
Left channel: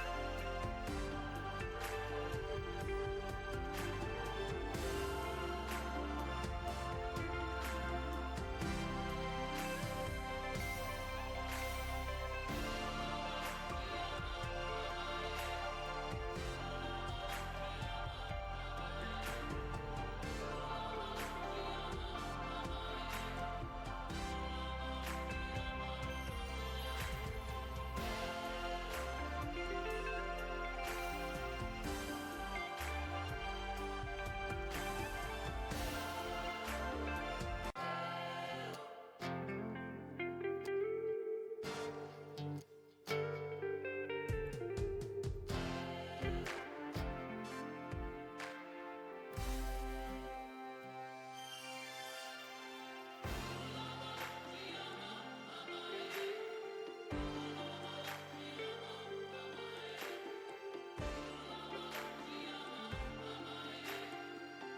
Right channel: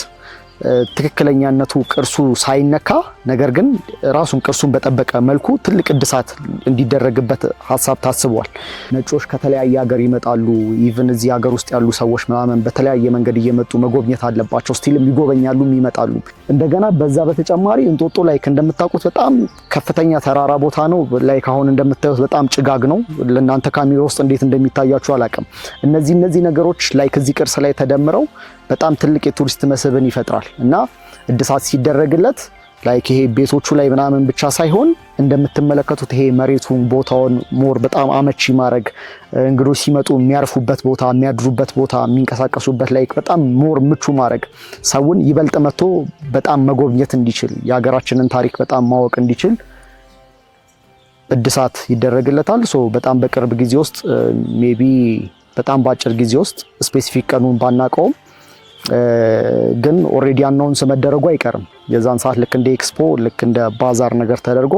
ትክክለኛነቱ ቅርሱ ሳይነካ ነገር ግን ራሱን ቅርሱን በጠበቀ መልኩ ትልቅ እድሳት እንዲደረግበት ሀሳብ ታስቧል። ነጮች ከተለያየ ሀገር ይመጣሉ። ኢቭን እዚህ ሀገር ውስጥ ያሉ ሰዎች ምናምን በተለያየ መንገድ እየመጡ መጎብኘት አለባቸው። ስቲልም ይጎበኛሉ፣ ይመጣሉ። እንደገና በዛ በተጨማሪ እንጦጦ ላይ እንደምታውቁት በጣም ከፍተኛ ተራራ ቦታ ነው። ላይክ አሁን እንደምታዩት በጣም ጭጋግ ነው። ለእናንተ ካሜራ ውስጥ እንዴት እንደሚታያችሁ አላውቅም። እነዚህ ነገሮች ላይክ እዚህ ቅርስ ላይ ተደምረው በጣም ትልቅ የቱሪስት መስህብን ይፈጥራል እና እድሳት ሲደረግለት ላይክ ይሄ ቤቶቹ ላይ ምናምን ብቻ ሳይሆን እንደምትመለከቱት ይሄ መሬቱን ቦታውን ሞር በጣም አመቺ ማድረግ እንግዶች ሲመጡ የሚያርፉበት ቦታ የሚያድሩበት ቦታ የሚንቀሳቀሱበት ላይክ በጣም ሞር ምቹ ማድረግ ሰውን ይበልጥ መጥቶ በጣም መጎብኘት እንዲችል የሀገራችንን ታሪክ በጣም ማወቅ እንዲችል እድሳት ይደረግለታል። ሶ በጣም በቅርብ ጊዜ ውስጥ ሜቢ በጣም በአጭር ጊዜ ውስጥ ስፔሲፊክ ቀኑን ባናቀውም ግን ኦሬዲ አናውንስ መደረጉ አይቀርም። የዛን ሰዓት ልክ እንደ ኤክስፖ ልክ እንደ ባዛር ነገር ተደርጎ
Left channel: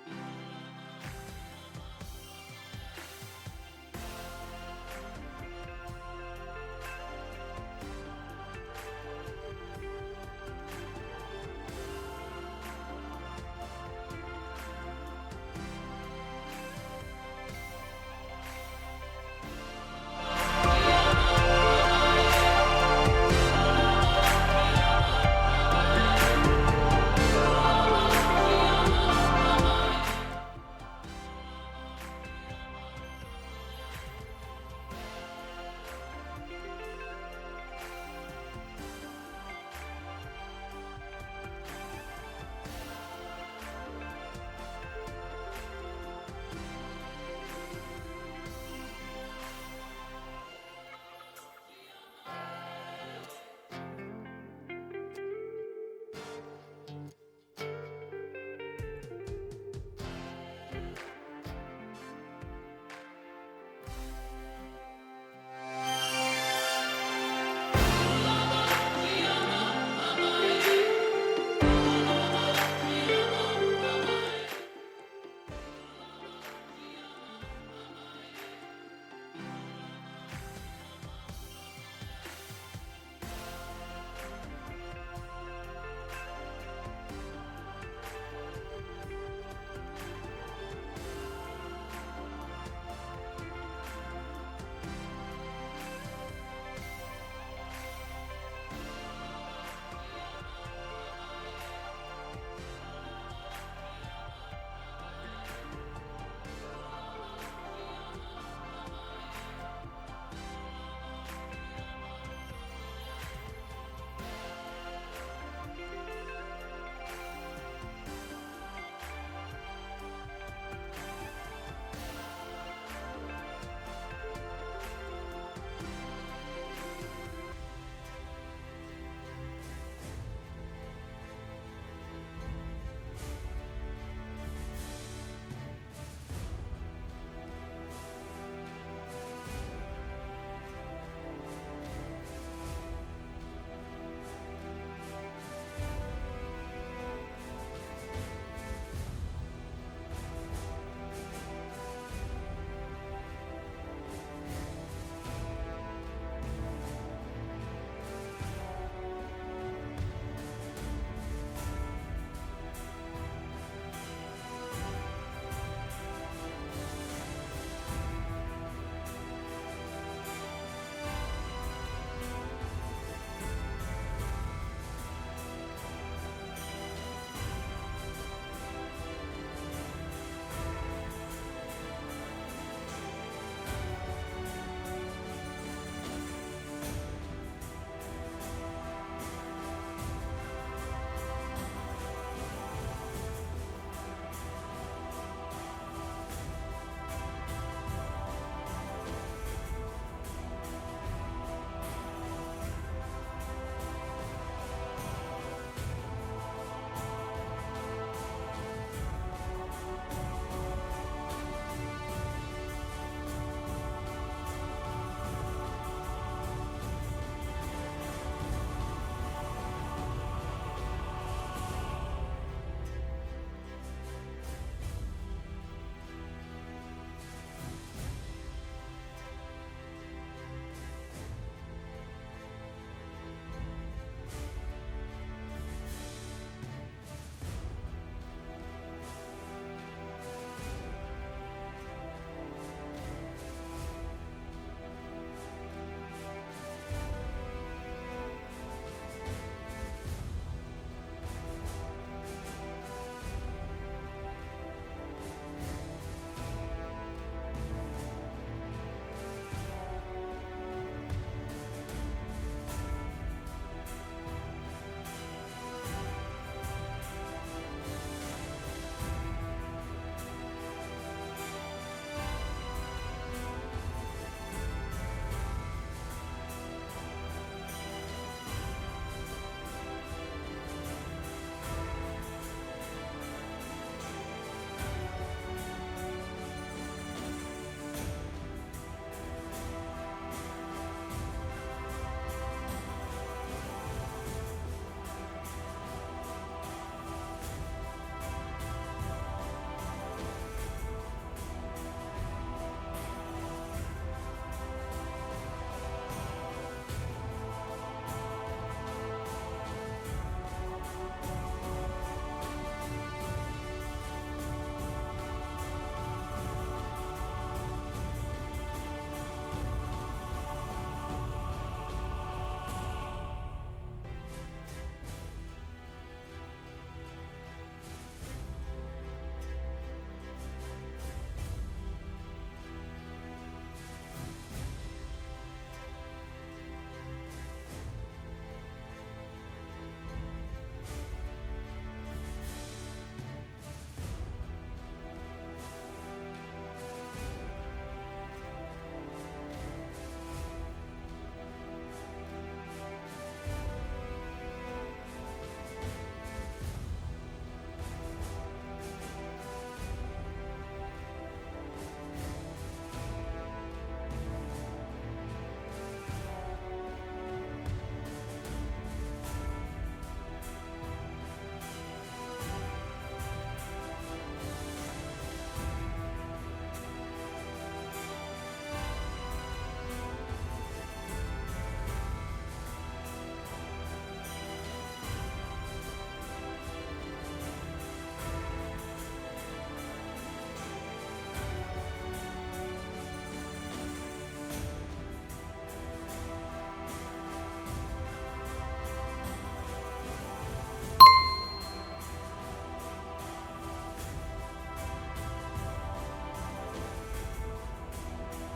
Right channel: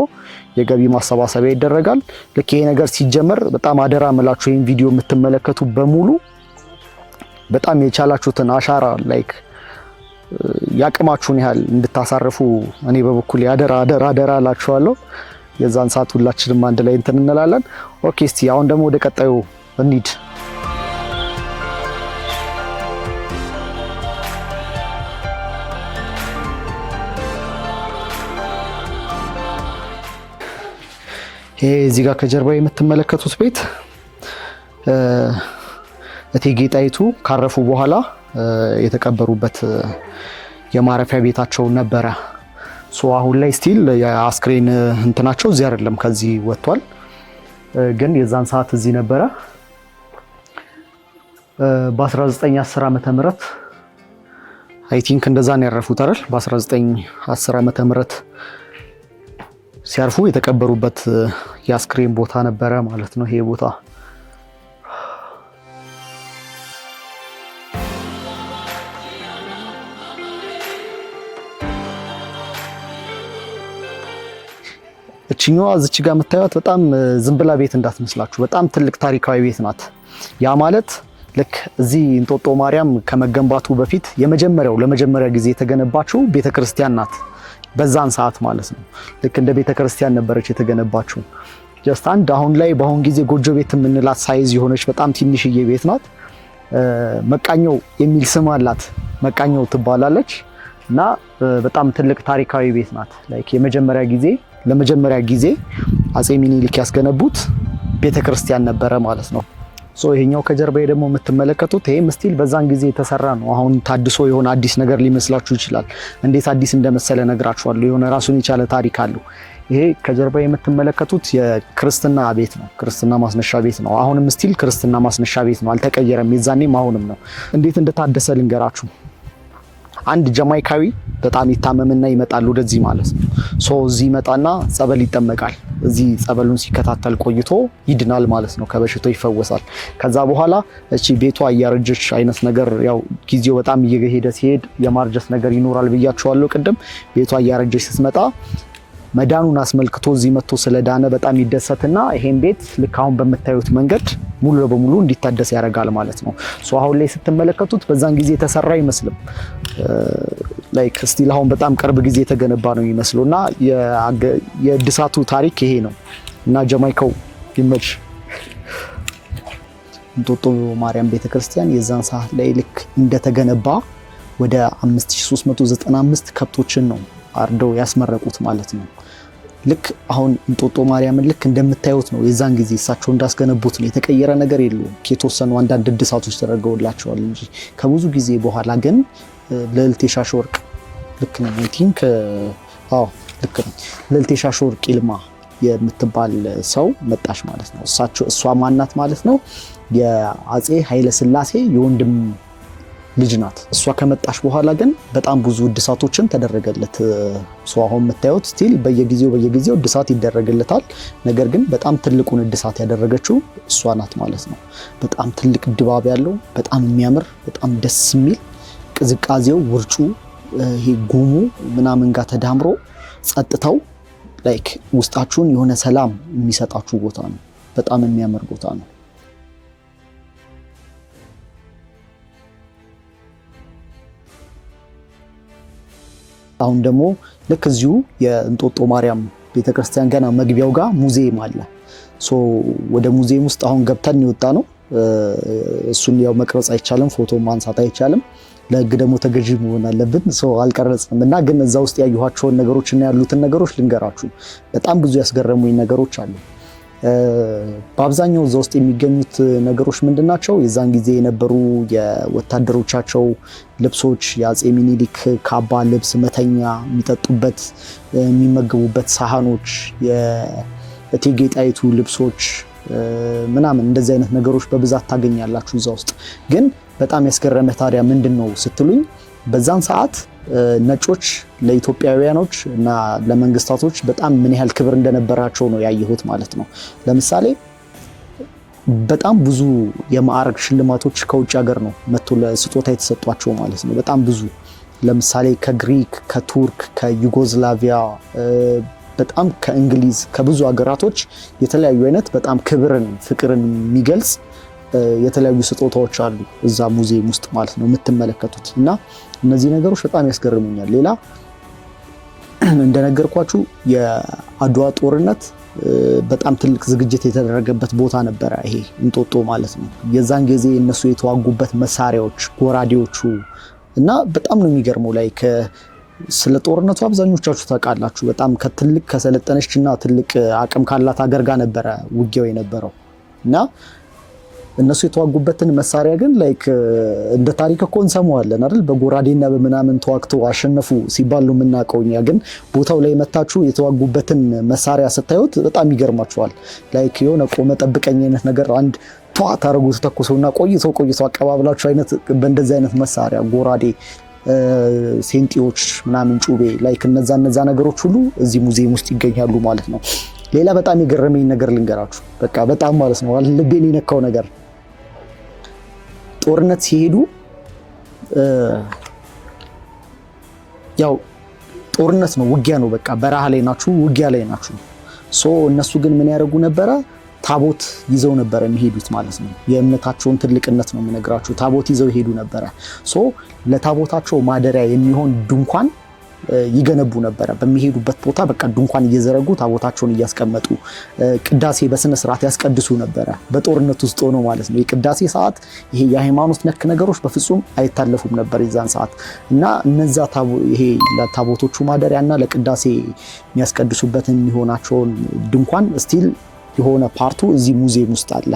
የገቢ ማሰባሰቢያ ይደረጋል። ልክ ይሄ ነገር ሲጀመር በጣም አደራ ምላችሁ ይሄን ቪዲዮ የምትመለከቱ በሙሉ በጣም የቻላችሁትን አሻራ ላይክ ያቅማችሁን ያህል እንድታሳርፉ እኔ በበኩል አደራ እላችኋለሁ። የዛን ሰዓት ሁላችንም አንድ ላይ እንትን እንላለን። ኦኬ እስቲ አሁን ደግሞ ወደ ቀጣዩ እንሂድ። ይሄ እዚህ ጋር ከጀርባ የምትመለከቱት ቤት እቴጌ ጣይቱ ካረፉ በኋላ የተቀበሩበት የማረፊያ ቤታቸው ነበረ። ሶ አሁን ላይ ስቲል የአስክሬን እንትናቸው እዚህ አይደለም፣ ከዚህ ወጥቷል። ግን የዛን ሰዓት እዚህ ነበረ። በ1910 ዓመተ ምህረት አይ ቲንክ እንደዛ ነው ያረፉት አይደል? በ1910 ዓመተ ምህረት ሲያርፉ የተቀበሩበት የአስክሬን ቦታ ነበረ ማለት ነው ይሄ ቦታ። እቺኛዋ እዚች ጋር የምታዩት በጣም ዝም ብላ ቤት እንዳትመስላችሁ፣ በጣም ትልቅ ታሪካዊ ቤት ናት። ያ ማለት ልክ እዚህ እንጦጦ ማርያም ከመገንባቱ በፊት ለመጀመሪያ ጊዜ የተገነባችው ቤተክርስቲያን ናት። በዛን ሰዓት ማለት ነው ልክ እንደ ቤተክርስቲያን ነበረች የተገነባችው። ጀስት አንድ በአሁን ጊዜ ጎጆ ቤት የምንላት ሳይዝ የሆነች በጣም ትንሽዬ ቤት ናት። መቃኘው የሚል ስም አላት። መቃኘው ትባላለች እና በጣም ትልቅ ታሪካዊ ቤት ናት። ላይክ ለመጀመሪያ ጊዜ አፄ ሚኒሊክ ያስገነቡት ቤተክርስቲያን ነበረ ማለት ነው። ሶ ይሄኛው ከጀርባዬ ደግሞ የምትመለከቱት ይሄም ስቲል በዛን ጊዜ የተሰራ ነው። አሁን ታድሶ የሆነ አዲስ ነገር ሊመስላችሁ ይችላል። እንዴት አዲስ እንደመሰለ ነግራችኋለሁ። የሆነ ራሱን የቻለ ታሪክ አለው። ይሄ ከጀርባ የምትመለከቱት የክርስትና ቤት ነው። ክርስትና ማስነሻ ቤት ነው። አሁንም ስቲል ክርስትና ማስነሻ ቤት ነው፣ አልተቀየረም። የዛኔም አሁንም ነው። እንዴት እንደታደሰ ልንገራችሁ። አንድ ጀማይካዊ በጣም ይታመምና ይመጣል ወደዚህ ማለት ነው። ሶ እዚህ ይመጣና ጸበል ይጠመቃል። እዚህ ጸበሉን ሲከታተል ቆይቶ ይድናል ማለት ነው፣ ከበሽታው ይፈወሳል። ከዛ በኋላ እቺ ቤቷ እያረጀች አይነት ነገር ያው ጊዜው በጣም እየሄደ ሲሄድ የማርጀት ነገር ይኖራል ብያችኋለሁ ቅድም። ቤቷ እያረጀች ስትመጣ መዳኑን አስመልክቶ እዚህ መጥቶ ስለዳነ በጣም ይደሰትና ይሄን ቤት ልክ አሁን በምታዩት መንገድ ሙሉ ለሙሉ እንዲታደስ ያደርጋል ማለት ነው። ሶ አሁን ላይ ስትመለከቱት በዛን ጊዜ የተሰራ አይመስልም። ላይክ ስቲል አሁን በጣም ቅርብ ጊዜ የተገነባ ነው የሚመስለውና የእድሳቱ ታሪክ ይሄ ነው እና ጀማይካው ይመች። እንጦጦ ማርያም ቤተክርስቲያን የዛን ሰዓት ላይ ልክ እንደተገነባ ወደ 5395 ከብቶችን ነው አርደው ያስመረቁት ማለት ነው። ልክ አሁን እንጦጦ ማርያምን ልክ እንደምታዩት ነው። የዛን ጊዜ እሳቸው እንዳስገነቡት ነው። የተቀየረ ነገር የለውም። የተወሰኑ አንዳንድ እድሳቶች ተደርገውላቸዋል እንጂ ከብዙ ጊዜ በኋላ ግን ልዕልት የሻሽ ወርቅ ልክ ነው አይ ቲንክ ልክ ነው ልዕልት የሻሽ ወርቅ ይልማ የምትባል ሰው መጣች ማለት ነው። እሷ ማናት ማለት ነው? የአፄ ኃይለ ሥላሴ የወንድም ልጅ ናት። እሷ ከመጣች በኋላ ግን በጣም ብዙ እድሳቶችን ተደረገለት። ሰው አሁን የምታዩት ስቲል በየጊዜው እድሳት ይደረግለታል። ነገር ግን በጣም ትልቁን እድሳት ያደረገችው እሷ ናት ማለት ነው። በጣም ትልቅ ድባብ ያለው በጣም የሚያምር በጣም ደስ የሚል ቅዝቃዜው፣ ውርጩ፣ ይሄ ጉሙ ምናምን ጋር ተዳምሮ ጸጥታው ላይክ ውስጣችሁን የሆነ ሰላም የሚሰጣችሁ ቦታ ነው። በጣም የሚያምር ቦታ ነው። አሁን ደግሞ ልክ እዚሁ የእንጦጦ ማርያም ቤተክርስቲያን ገና መግቢያው ጋር ሙዚየም አለ። ሶ ወደ ሙዚየም ውስጥ አሁን ገብተን የወጣ ነው። እሱን ያው መቅረጽ አይቻልም፣ ፎቶ ማንሳት አይቻልም። ለህግ ደግሞ ተገዢ መሆን አለብን። ሶ አልቀረጽም እና ግን እዛ ውስጥ ያዩኋቸውን ነገሮች እና ያሉትን ነገሮች ልንገራችሁ። በጣም ብዙ ያስገረሙኝ ነገሮች አሉ። በአብዛኛው እዛ ውስጥ የሚገኙት ነገሮች ምንድናቸው? የዛን ጊዜ የነበሩ የወታደሮቻቸው ልብሶች፣ የአፄ ሚኒሊክ ካባ፣ ልብስ፣ መተኛ፣ የሚጠጡበት የሚመገቡበት ሳህኖች፣ የእቴጌ ጣይቱ ልብሶች ምናምን እንደዚህ አይነት ነገሮች በብዛት ታገኛላችሁ እዛ ውስጥ። ግን በጣም ያስገረመ ታዲያ ምንድን ነው ስትሉኝ በዛን ሰዓት ነጮች ለኢትዮጵያውያኖች እና ለመንግስታቶች በጣም ምን ያህል ክብር እንደነበራቸው ነው ያየሁት ማለት ነው። ለምሳሌ በጣም ብዙ የማዕረግ ሽልማቶች ከውጭ ሀገር ነው መጥቶ ለስጦታ የተሰጧቸው ማለት ነው። በጣም ብዙ ለምሳሌ ከግሪክ፣ ከቱርክ፣ ከዩጎዝላቪያ በጣም ከእንግሊዝ ከብዙ ሀገራቶች የተለያዩ አይነት በጣም ክብርን ፍቅርን የሚገልጽ የተለያዩ ስጦታዎች አሉ እዛ ሙዚየም ውስጥ ማለት ነው የምትመለከቱት። እና እነዚህ ነገሮች በጣም ያስገርሙኛል። ሌላ እንደነገርኳችሁ የአድዋ ጦርነት በጣም ትልቅ ዝግጅት የተደረገበት ቦታ ነበረ ይሄ እንጦጦ ማለት ነው። የዛን ጊዜ እነሱ የተዋጉበት መሳሪያዎች፣ ጎራዴዎቹ እና በጣም ነው የሚገርመው። ላይ ስለ ጦርነቱ አብዛኞቻችሁ ታውቃላችሁ። በጣም ከትልቅ ከሰለጠነች እና ትልቅ አቅም ካላት ሀገር ጋር ነበረ ውጊያው የነበረው እና እነሱ የተዋጉበትን መሳሪያ ግን ላይክ እንደ ታሪክ እኮ እንሰማዋለን አይደል? በጎራዴና በምናምን ተዋግተው አሸነፉ ሲባል ነው የምናውቀው እኛ። ግን ቦታው ላይ መታችሁ የተዋጉበትን መሳሪያ ስታዩት በጣም ይገርማችኋል። ላይክ የሆነ ቆመ ጠብቀኝ አይነት ነገር አንድ ቷ ታረጉት ተኩሰውና ቆይተው አቀባብላችሁ አይነት በእንደዚህ አይነት መሳሪያ ጎራዴ፣ ሴንጢዎች ምናምን ጩቤ ላይክ እነዛ ነገሮች ሁሉ እዚህ ሙዚየም ውስጥ ይገኛሉ ማለት ነው። ሌላ በጣም የገረመኝ ነገር ልንገራችሁ። በቃ በጣም ማለት ነው ልቤን የነካው ነገር ጦርነት ሲሄዱ ያው ጦርነት ነው፣ ውጊያ ነው። በቃ በረሃ ላይ ናችሁ፣ ውጊያ ላይ ናችሁ። እነሱ ግን ምን ያደርጉ ነበረ? ታቦት ይዘው ነበረ የሚሄዱት ማለት ነው። የእምነታቸውን ትልቅነት ነው የምነግራችሁ። ታቦት ይዘው ይሄዱ ነበረ። ለታቦታቸው ማደሪያ የሚሆን ድንኳን ይገነቡ ነበረ። በሚሄዱበት ቦታ በቃ ድንኳን እየዘረጉ ታቦታቸውን እያስቀመጡ ቅዳሴ በስነ ስርዓት ያስቀድሱ ነበረ። በጦርነት ውስጥ ሆኖ ማለት ነው። የቅዳሴ ሰዓት ይሄ የሃይማኖት ነክ ነገሮች በፍጹም አይታለፉም ነበር የዛን ሰዓት እና እነዛ ይሄ ለታቦቶቹ ማደሪያና ለቅዳሴ የሚያስቀድሱበትን የሚሆናቸውን ድንኳን ስቲል የሆነ ፓርቱ እዚህ ሙዚየም ውስጥ አለ።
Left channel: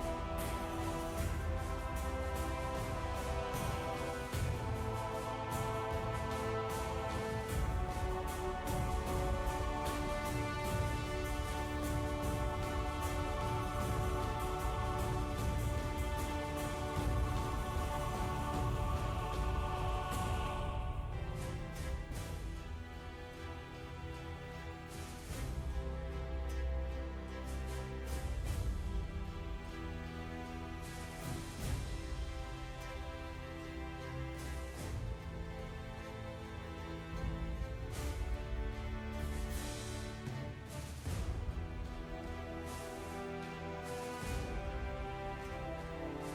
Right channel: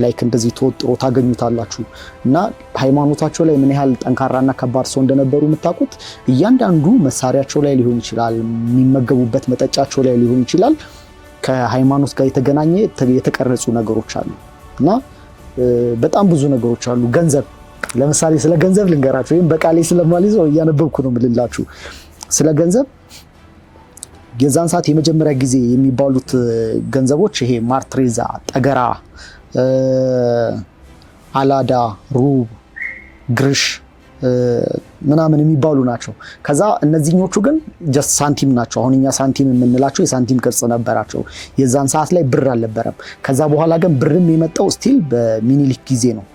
ላይክ እንደዚህ ተወጥሮ ታገኙታላችሁ። እና ሃይማኖታቸው ላይ ምን ያህል ጠንካራና ከባድ ሰው እንደነበሩ የምታውቁት እያንዳንዱ መሳሪያቸው ላይ ሊሆን ይችላል፣ የሚመገቡበት መጠጫቸው ላይ ሊሆን ይችላል። ከሃይማኖት ጋር የተገናኘ የተቀረጹ ነገሮች አሉ እና በጣም ብዙ ነገሮች አሉ። ገንዘብ ለምሳሌ ስለ ገንዘብ ልንገራችሁ፣ ወይም በቃሌ ስለማልይዘው እያነበብኩ ነው የምልላችሁ። ስለ ገንዘብ የዛን ሰዓት የመጀመሪያ ጊዜ የሚባሉት ገንዘቦች ይሄ ማርትሬዛ፣ ጠገራ፣ አላዳ፣ ሩብ፣ ግርሽ ምናምን የሚባሉ ናቸው። ከዛ እነዚህኞቹ ግን ጀስት ሳንቲም ናቸው። አሁን እኛ ሳንቲም የምንላቸው የሳንቲም ቅርጽ ነበራቸው። የዛን ሰዓት ላይ ብር አልነበረም። ከዛ በኋላ ግን ብርም የመጣው ስቲል በሚኒሊክ ጊዜ ነው።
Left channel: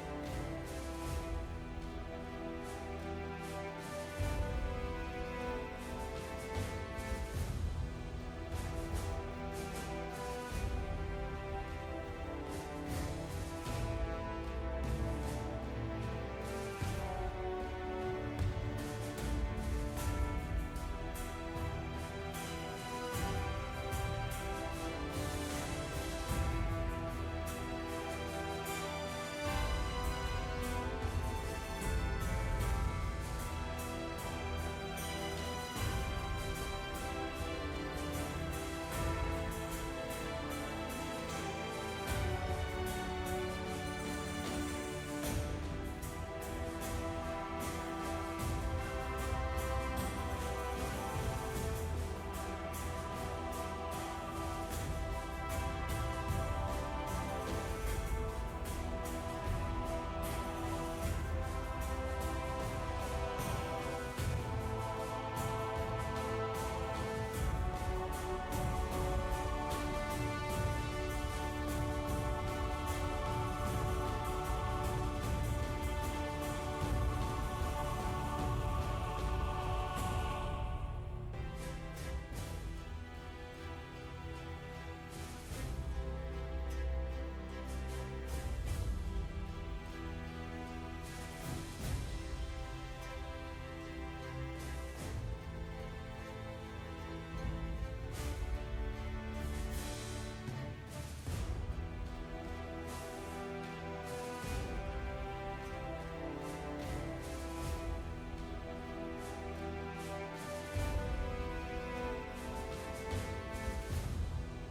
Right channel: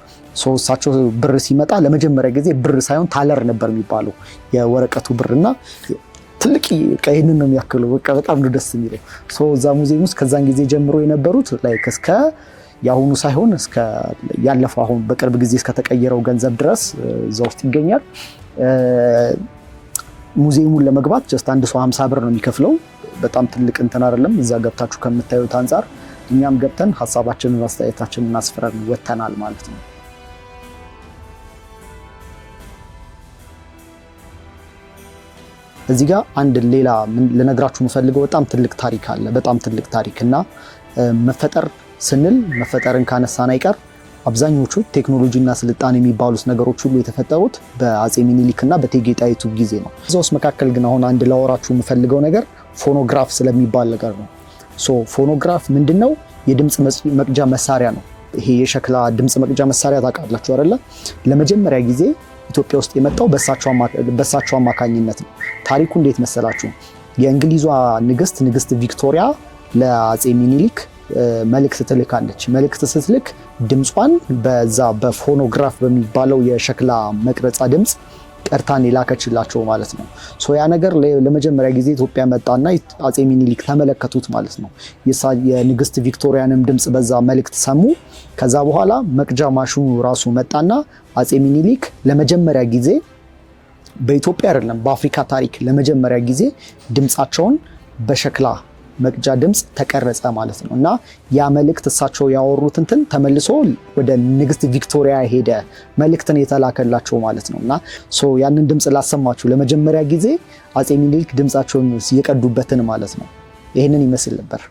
እሳቸው ብር ሲመጣ ለመጀመሪያ ጊዜ ብር ሳይሆን ታለር ነበር የሚባለው የወረቀቱ ብርና ትልቅ ይህንን ነው የሚያክለው። በቃ በጣም ነው ደስ የሚለው። እዛ ሙዚየም ውስጥ ከዛን ጊዜ ጀምሮ የነበሩት ላይክ እስከ የአሁኑ ሳይሆን እስከ ያለፈው አሁን በቅርብ ጊዜ እስከተቀየረው ገንዘብ ድረስ እዛ ውስጥ ይገኛል። ሙዚየሙን ለመግባት ጀስት አንድ ሰው 50 ብር ነው የሚከፍለው። በጣም ትልቅ እንትን አይደለም። እዛ ገብታችሁ ከምታዩት አንጻር እኛም ገብተን ሀሳባችንን አስተያየታችንን አስፍረን ወተናል ማለት ነው። እዚህ ጋር አንድ ሌላ ልነግራችሁ የምፈልገው በጣም ትልቅ ታሪክ አለ። በጣም ትልቅ ታሪክ እና መፈጠር ስንል መፈጠርን ካነሳን አይቀር አብዛኞቹ ቴክኖሎጂና ስልጣኔ የሚባሉት ነገሮች ሁሉ የተፈጠሩት በአፄ ሚኒሊክ እና በእቴጌ ጣይቱ ጊዜ ነው። እዛ ውስጥ መካከል ግን አሁን አንድ ላወራችሁ የምፈልገው ነገር ፎኖግራፍ ስለሚባል ነገር ነው። ፎኖግራፍ ምንድነው? የድምፅ መቅጃ መሳሪያ ነው። ይሄ የሸክላ ድምፅ መቅጃ መሳሪያ ታውቃላችሁ አይደለ? ለመጀመሪያ ጊዜ ኢትዮጵያ ውስጥ የመጣው በእሳቸው አማካኝነት ነው። ታሪኩ እንዴት መሰላችሁ? የእንግሊዟ ንግስት ቪክቶሪያ ለአፄ ሚኒሊክ መልእክት ትልካለች። መልእክት ስትልክ ድምጿን በዛ በፎኖግራፍ በሚባለው የሸክላ መቅረጻ ድምፅ ቀርታን የላከችላቸው ማለት ነው። ያ ነገር ለመጀመሪያ ጊዜ ኢትዮጵያ መጣና አፄ ሚኒሊክ ተመለከቱት ማለት ነው። የንግስት ቪክቶሪያንም ድምፅ በዛ መልእክት ሰሙ። ከዛ በኋላ መቅጃ ማሽኑ ራሱ መጣና አፄ ሚኒሊክ ለመጀመሪያ ጊዜ በኢትዮጵያ አይደለም በአፍሪካ ታሪክ ለመጀመሪያ ጊዜ ድምፃቸውን በሸክላ መቅጃ ድምጽ ተቀረጸ ማለት ነው። እና ያ መልእክት እሳቸው ያወሩት እንትን ተመልሶ ወደ ንግስት ቪክቶሪያ ሄደ መልእክትን የተላከላቸው ማለት ነው። እና ያንን ድምጽ ላሰማችሁ ለመጀመሪያ ጊዜ አፄ ሚኒሊክ ድምጻቸውን የቀዱበትን ማለት ነው። ይህንን ይመስል ነበር።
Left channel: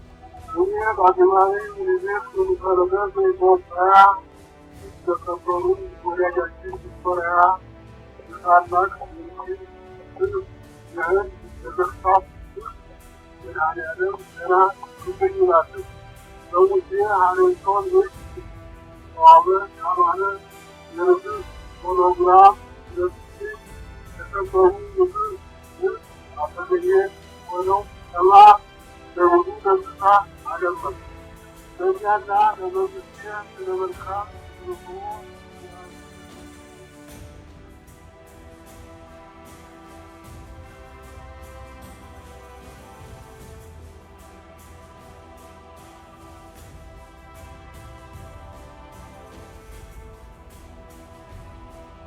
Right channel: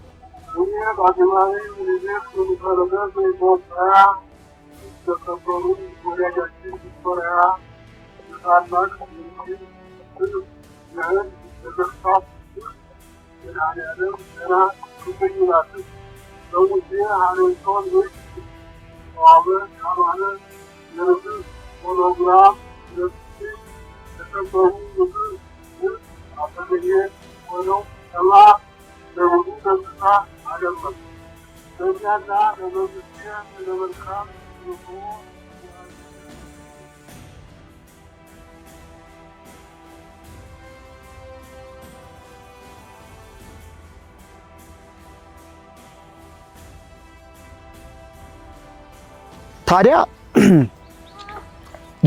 ታዲያ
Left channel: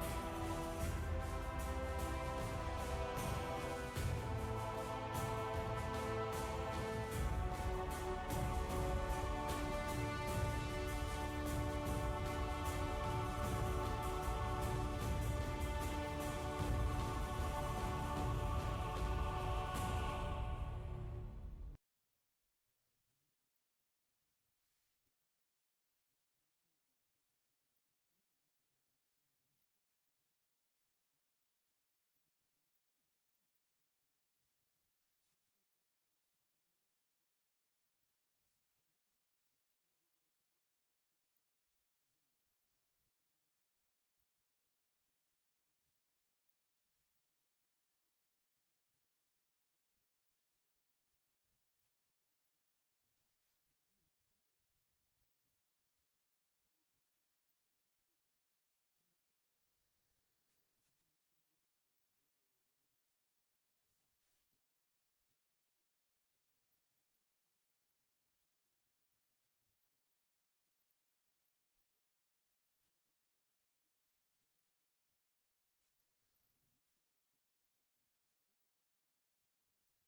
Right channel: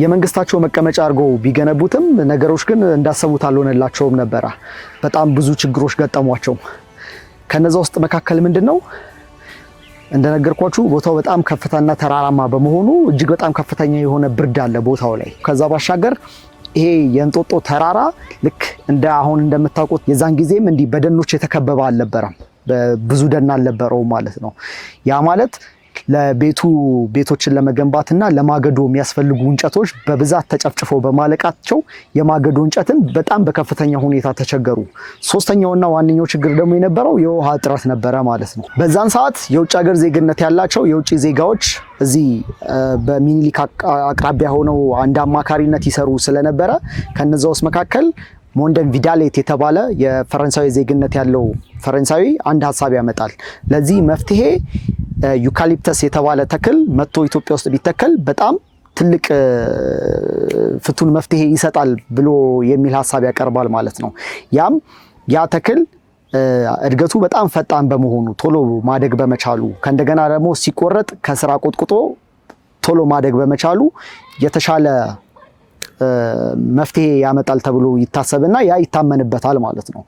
የመንግስታቸው መቀመጫ አድርገው ቢገነቡትም ነገሮች ግን እንዳሰቡት አልሆነላቸውም ነበር። በጣም ብዙ ችግሮች ገጠሟቸው። ከነዛ ውስጥ መካከል ምንድነው እንደነገርኳችሁ ቦታው በጣም ከፍታና ተራራማ በመሆኑ እጅግ በጣም ከፍተኛ የሆነ ብርድ አለ ቦታው ላይ። ከዛ ባሻገር ይሄ የእንጦጦ ተራራ ልክ እንደ አሁን እንደምታውቁት የዛን ጊዜም እንዲህ በደኖች የተከበበ አልነበረም፣ ብዙ ደን አልነበረውም ማለት ነው። ያ ማለት ቤቶችን ለመገንባትና ለማገዶ የሚያስፈልጉ እንጨቶች በብዛት ተጨፍጭፈው በማለቃቸው የማገዶ እንጨትን በጣም በከፍተኛ ሁኔታ ተቸገሩ። ሶስተኛውና ዋነኛው ችግር ደግሞ የነበረው የውሃ እጥረት ነበረ ማለት ነው። በዛን ሰዓት የውጭ ሀገር ዜግነት ያላቸው የውጭ ዜጋዎች እዚህ በሚኒሊክ አቅራቢያ ሆነው አንድ አማካሪነት ይሰሩ ስለነበረ ከነዛ ውስጥ መካከል ሞንደን ቪዳሌት የተባለ የፈረንሳዊ ዜግነት ያለው ፈረንሳዊ አንድ ሀሳብ ያመጣል። ለዚህ መፍትሄ ዩካሊፕተስ የተባለ ተክል መጥቶ ኢትዮጵያ ውስጥ ቢተከል በጣም ትልቅ ፍቱን መፍትሄ ይሰጣል ብሎ የሚል ሀሳብ ያቀርባል ማለት ነው። ያ ተክል እድገቱ በጣም ፈጣን በመሆኑ ቶሎ ማደግ በመቻሉ ከእንደገና ደግሞ ሲቆረጥ ከስራ ቆጥቁጦ ቶሎ ማደግ በመቻሉ የተሻለ መፍትሄ ያመጣል ተብሎ ይታሰብና ያ ይታመንበታል ማለት ነው።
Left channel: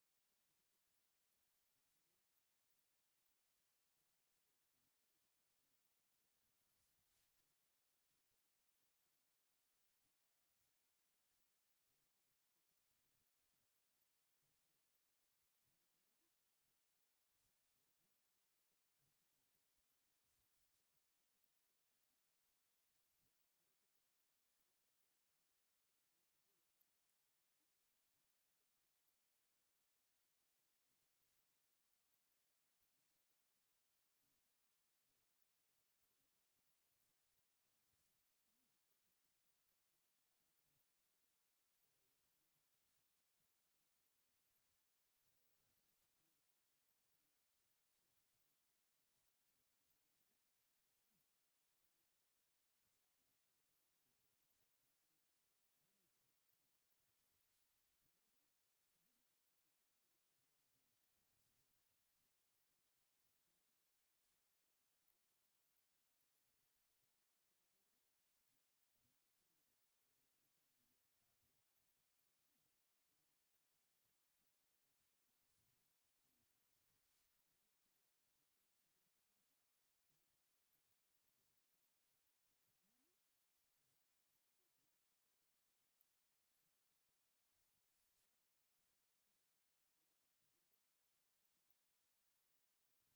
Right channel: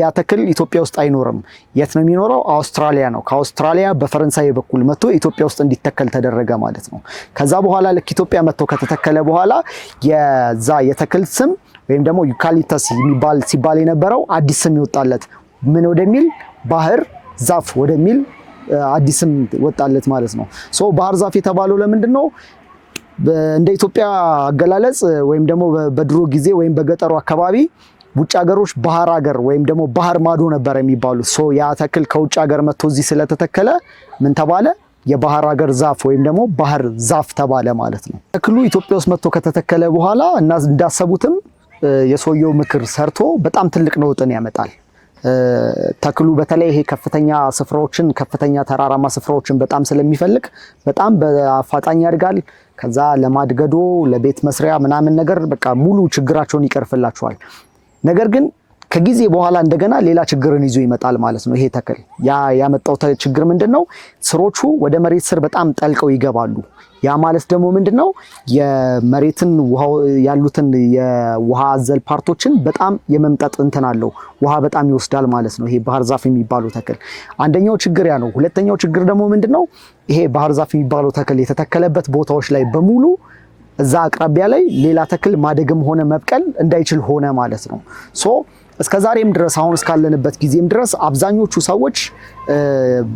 ያ ተክል ኢትዮጵያ ውስጥ አይኖርም። የት ነው የሚኖረው? አውስትራሊያ ነው። ከአውስትራሊያ በፈረንሳይ በኩል መጥቶ ኢትዮጵያ ውስጥ እንዲተከል ተደረገ ማለት ነው። ከዛ በኋላ ልክ ኢትዮጵያ መጥቶ ከተተከለ በኋላ የዛ የተክል ስም ወይም ደግሞ ዩካሊፕተስ ሲባል የነበረው አዲስ ስም ይወጣለት ምን ወደሚል ባህር ዛፍ ወደሚል አዲስ ስም ወጣለት ማለት ነው። ባህር ዛፍ የተባለው ለምንድን ነው? እንደ ኢትዮጵያ አገላለጽ ወይም ደግሞ በድሮ ጊዜ ወይም በገጠሩ አካባቢ ውጭ ሀገሮች ባህር ሀገር ወይም ደግሞ ባህር ማዶ ነበር የሚባሉት። ያ ተክል ከውጭ ሀገር መጥቶ እዚህ ስለተተከለ ምን ተባለ? የባህር ሀገር ዛፍ ወይም ደግሞ ባህር ዛፍ ተባለ ማለት ነው። ተክሉ ኢትዮጵያ ውስጥ መጥቶ ከተተከለ በኋላ እና እንዳሰቡትም የሰውየው ምክር ሰርቶ በጣም ትልቅ ለውጥን ያመጣል። ተክሉ በተለይ ይሄ ከፍተኛ ተራራማ ስፍራዎችን በጣም ስለሚፈልግ በጣም በአፋጣኝ ያድጋል። ከዛ ለማድገዶ ለቤት መስሪያ ምናምን ነገር በቃ ሙሉ ችግራቸውን ይቀርፍላቸዋል። ነገር ግን ከጊዜ በኋላ እንደገና ሌላ ችግርን ይዞ ይመጣል ማለት ነው። ይሄ ተክል ያመጣው ችግር ምንድነው? ስሮቹ ወደ መሬት ስር በጣም ጠልቀው ይገባሉ። ያ ማለት ደግሞ ምንድነው? የመሬትን ያሉትን የውሃ አዘል ፓርቶችን በጣም የመምጠጥ እንትን አለው። ውሃ በጣም ይወስዳል ማለት ነው። ይሄ ባህር ዛፍ የሚባለው ተክል አንደኛው ችግር ያ ነው። ሁለተኛው ችግር ደግሞ ምንድነው? ይሄ ባህር ዛፍ የሚባለው ተክል የተተከለበት ቦታዎች ላይ በሙሉ እዛ አቅራቢያ ላይ ሌላ ተክል ማደግም ሆነ መብቀል እንዳይችል ሆነ ማለት ነው። እስከ ዛሬም ድረስ አሁን እስካለንበት ጊዜም ድረስ አብዛኞቹ ሰዎች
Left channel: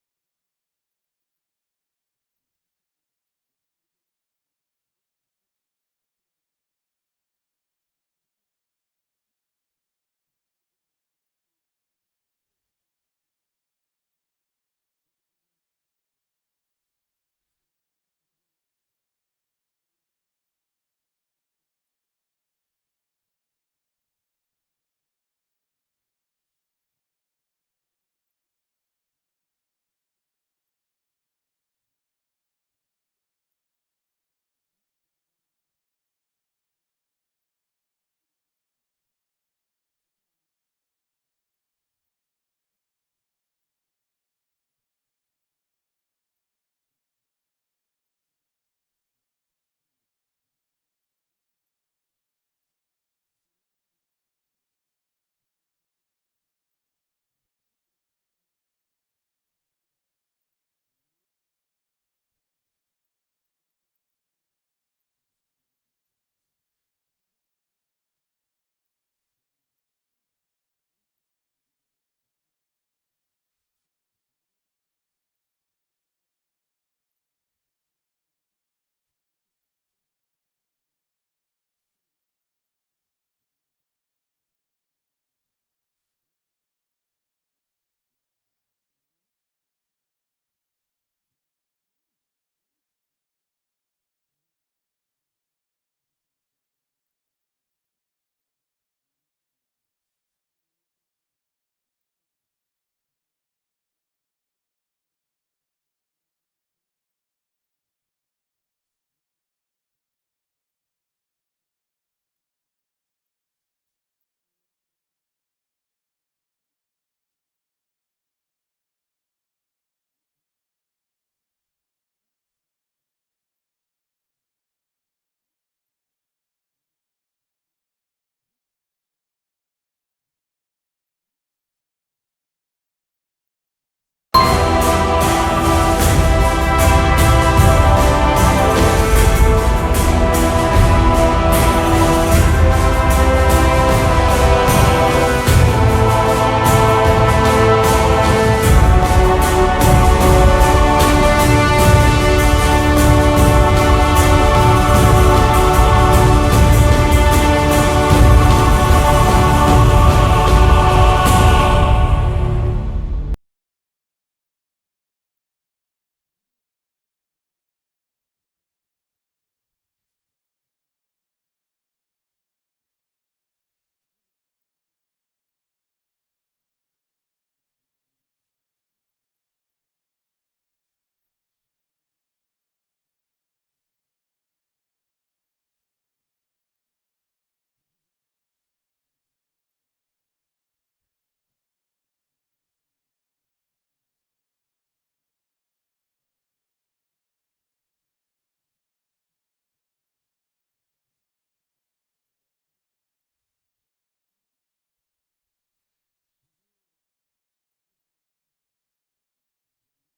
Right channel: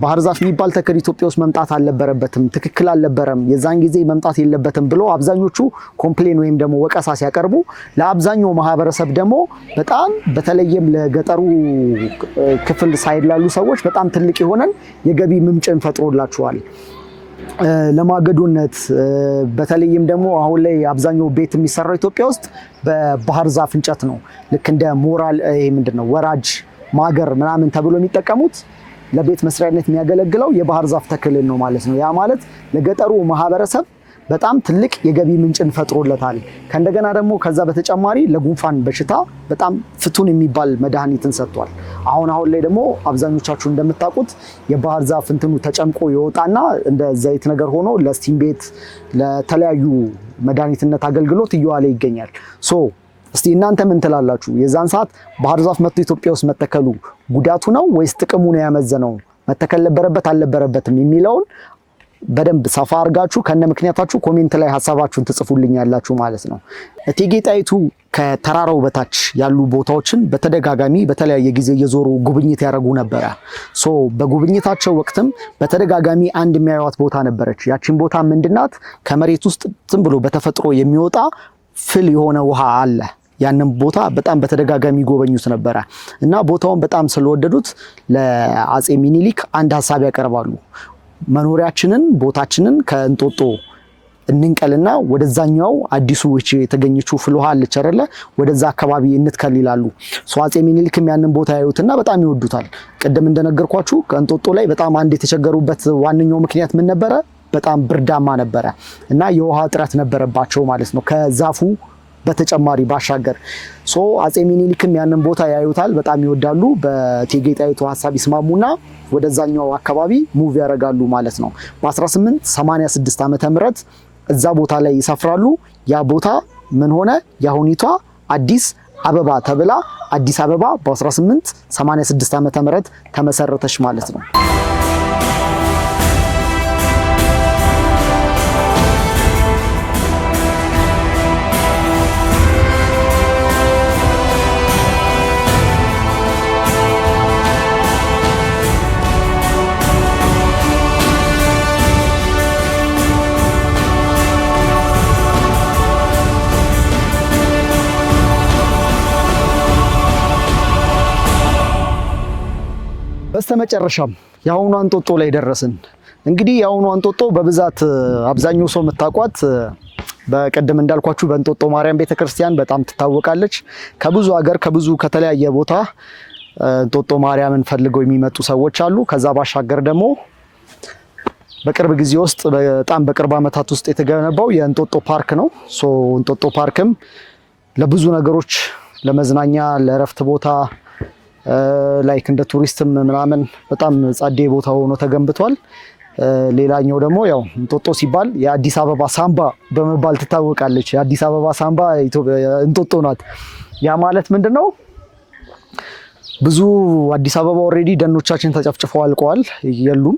ባህር ዛፍ የሚባል ተክል ኢትዮጵያ ውስጥ መምጣት አልነበረበትም፣ ትክክል አልነበረም፣ የዛን ጊዜ መምጣት የለበትም ብሎ አብዛኞቹ ኮምፕሌን ወይም ደግሞ ወቀሳ ሲያቀርቡ፣ ለአብዛኛው ማህበረሰብ ደግሞ በጣም በተለይም ለገጠሩ ክፍል ሳይድ ላሉ ሰዎች በጣም ትልቅ የሆነን የገቢ ምንጭን ፈጥሮላቸዋል። ለማገዶነት በተለይም ደግሞ አሁን ላይ አብዛኛው ቤት የሚሰራው ኢትዮጵያ ውስጥ በባህር ዛፍ እንጨት ነው። ልክ እንደ ሞራል ምንድነው ወራጅ ማገር ምናምን ተብሎ የሚጠቀሙት ለቤት መስሪያነት የሚያገለግለው የባህር ዛፍ ተክልን ነው ማለት ነው። ያ ማለት ለገጠሩ ማህበረሰብ በጣም ትልቅ የገቢ ምንጭን ፈጥሮለታል። ከእንደገና ደግሞ ከዛ በተጨማሪ ለጉንፋን በሽታ በጣም ፍቱን የሚባል መድኃኒትን ሰጥቷል። አሁን ላይ ደግሞ አብዛኞቻችሁ እንደምታውቁት የባህር ዛፍ እንትኑ ተጨምቆ ይወጣና እንደ ዘይት ነገር ሆኖ ለስቲም ቤት ለተለያዩ መድኃኒትነት አገልግሎት እየዋለ ይገኛል። እስቲ እናንተ ምን ትላላችሁ? የዛን ሰዓት ባህር ዛፍ መጥቶ ኢትዮጵያ ውስጥ መተከሉ ጉዳቱ ነው ወይስ ጥቅሙ ነው ያመዘነው? መተከል ነበረበት አልነበረበትም የሚለውን በደንብ ሰፋ አድርጋችሁ ከነ ምክንያታችሁ ኮሜንት ላይ ሐሳባችሁን ትጽፉልኛላችሁ ማለት ነው። እቴጌ ጣይቱ ከተራራው በታች ያሉ ቦታዎችን በተደጋጋሚ በተለያየ ጊዜ እየዞሩ ጉብኝት ያደርጉ ነበረ። በጉብኝታቸው ወቅትም በተደጋጋሚ አንድ የሚያዩት ቦታ ነበረች። ያቺን ቦታ ምንድናት? ከመሬት ውስጥ ዝም ብሎ በተፈጥሮ የሚወጣ ፍል የሆነ ውሃ አለ። ያንን ቦታ በጣም በተደጋጋሚ ጎበኙት ነበረ እና ቦታውን በጣም ስለወደዱት ለአጼ ሚኒሊክ አንድ ሐሳብ ያቀርባሉ። መኖሪያችንን ቦታችንን ከእንጦጦ እንንቀልና ወደዛኛው አዲሱ የተገኘችው ፍል ውሃ አለች አይደለ? ወደዛ አካባቢ እንትከል ይላሉ። አጼ ሚኒሊክም ያንን ቦታ ያዩትና በጣም ይወዱታል። ቅድም እንደነገርኳችሁ ከእንጦጦ ላይ በጣም አንድ የተቸገሩበት ዋነኛው ምክንያት ምን ነበረ? በጣም ብርዳማ ነበረ እና የውሃ እጥረት ነበረባቸው ማለት ነው ከዛፉ በተጨማሪ ባሻገር። አጼ ሚኒሊክም ያንን ቦታ ያዩታል፣ በጣም ይወዳሉ። በእቴጌ ጣይቱ ሐሳብ ይስማሙና ወደዛኛው አካባቢ ሙቭ ያደርጋሉ ማለት ነው። በ1886 ዓመተ ምህረት እዛ ቦታ ላይ ይሰፍራሉ። ያ ቦታ ምን ሆነ? የአሁኒቷ አዲስ አበባ ተብላ አዲስ አበባ በ1886 ዓመተ ምህረት ተመሰረተች ማለት ነው። በስተመጨረሻም የአሁኑ እንጦጦ ላይ ደረስን። እንግዲህ የአሁኑ እንጦጦ በብዛት አብዛኛው ሰው የምታውቋት በቀደም እንዳልኳችሁ በእንጦጦ ማርያም ቤተክርስቲያን በጣም ትታወቃለች። ከብዙ ሀገር ከተለያየ ቦታ እንጦጦ ማርያምን ፈልገው የሚመጡ ሰዎች አሉ። ከዛ ባሻገር ደግሞ በቅርብ ጊዜ ውስጥ በጣም በቅርብ ዓመታት ውስጥ የተገነባው የእንጦጦ ፓርክ ነው። እንጦጦ ፓርክም ለብዙ ነገሮች ለመዝናኛ፣ ለእረፍት ቦታ ላይክ እንደ ቱሪስትም ምናምን በጣም ጸዴ ቦታ ሆኖ ተገንብቷል። ሌላኛው ደግሞ ያው እንጦጦ ሲባል የአዲስ አበባ ሳምባ በመባል ትታወቃለች። የአዲስ አበባ ሳምባ እንጦጦ ናት። ያ ማለት ምንድነው? ብዙ አዲስ አበባ ኦልሬዲ ደኖቻችን ተጨፍጭፈው አልቀዋል፣ የሉም።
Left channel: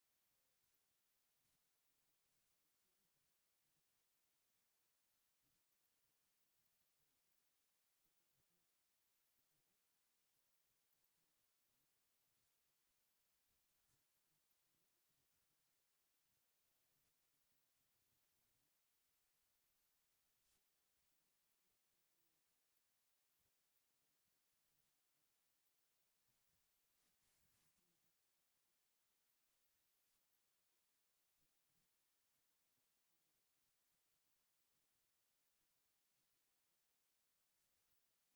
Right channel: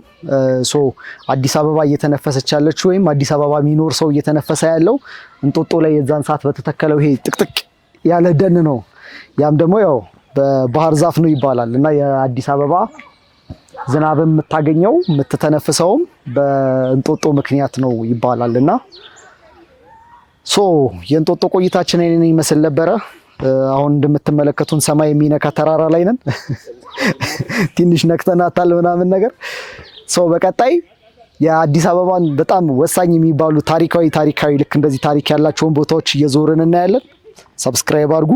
አዲስ አበባ እየተነፈሰች ያለችው ወይም አዲስ አበባ የሚኖር ሰው እየተነፈሰ ያለው እንጦጦ ላይ የዛን ሰዓት በተተከለው ይሄ ጥቅጥቅ ያለ ደን ነው። ያም ደግሞ ያው በባህር ዛፍ ነው ይባላል እና የአዲስ አበባ ዝናብም የምታገኘው የምትተነፍሰውም በእንጦጦ ምክንያት ነው ይባላል። እና የእንጦጦ ቆይታችን ይህንን ይመስል ነበረ። አሁን እንደምትመለከቱን ሰማይ የሚነካ ተራራ ላይ ነን። ትንሽ ነክተናታል ምናምን ነገር። በቀጣይ የአዲስ አበባን በጣም ወሳኝ የሚባሉ ታሪካዊ ልክ እንደዚህ ታሪክ ያላቸውን ቦታዎች እየዞርን እናያለን። ሰብስክራይብ አድርጉ።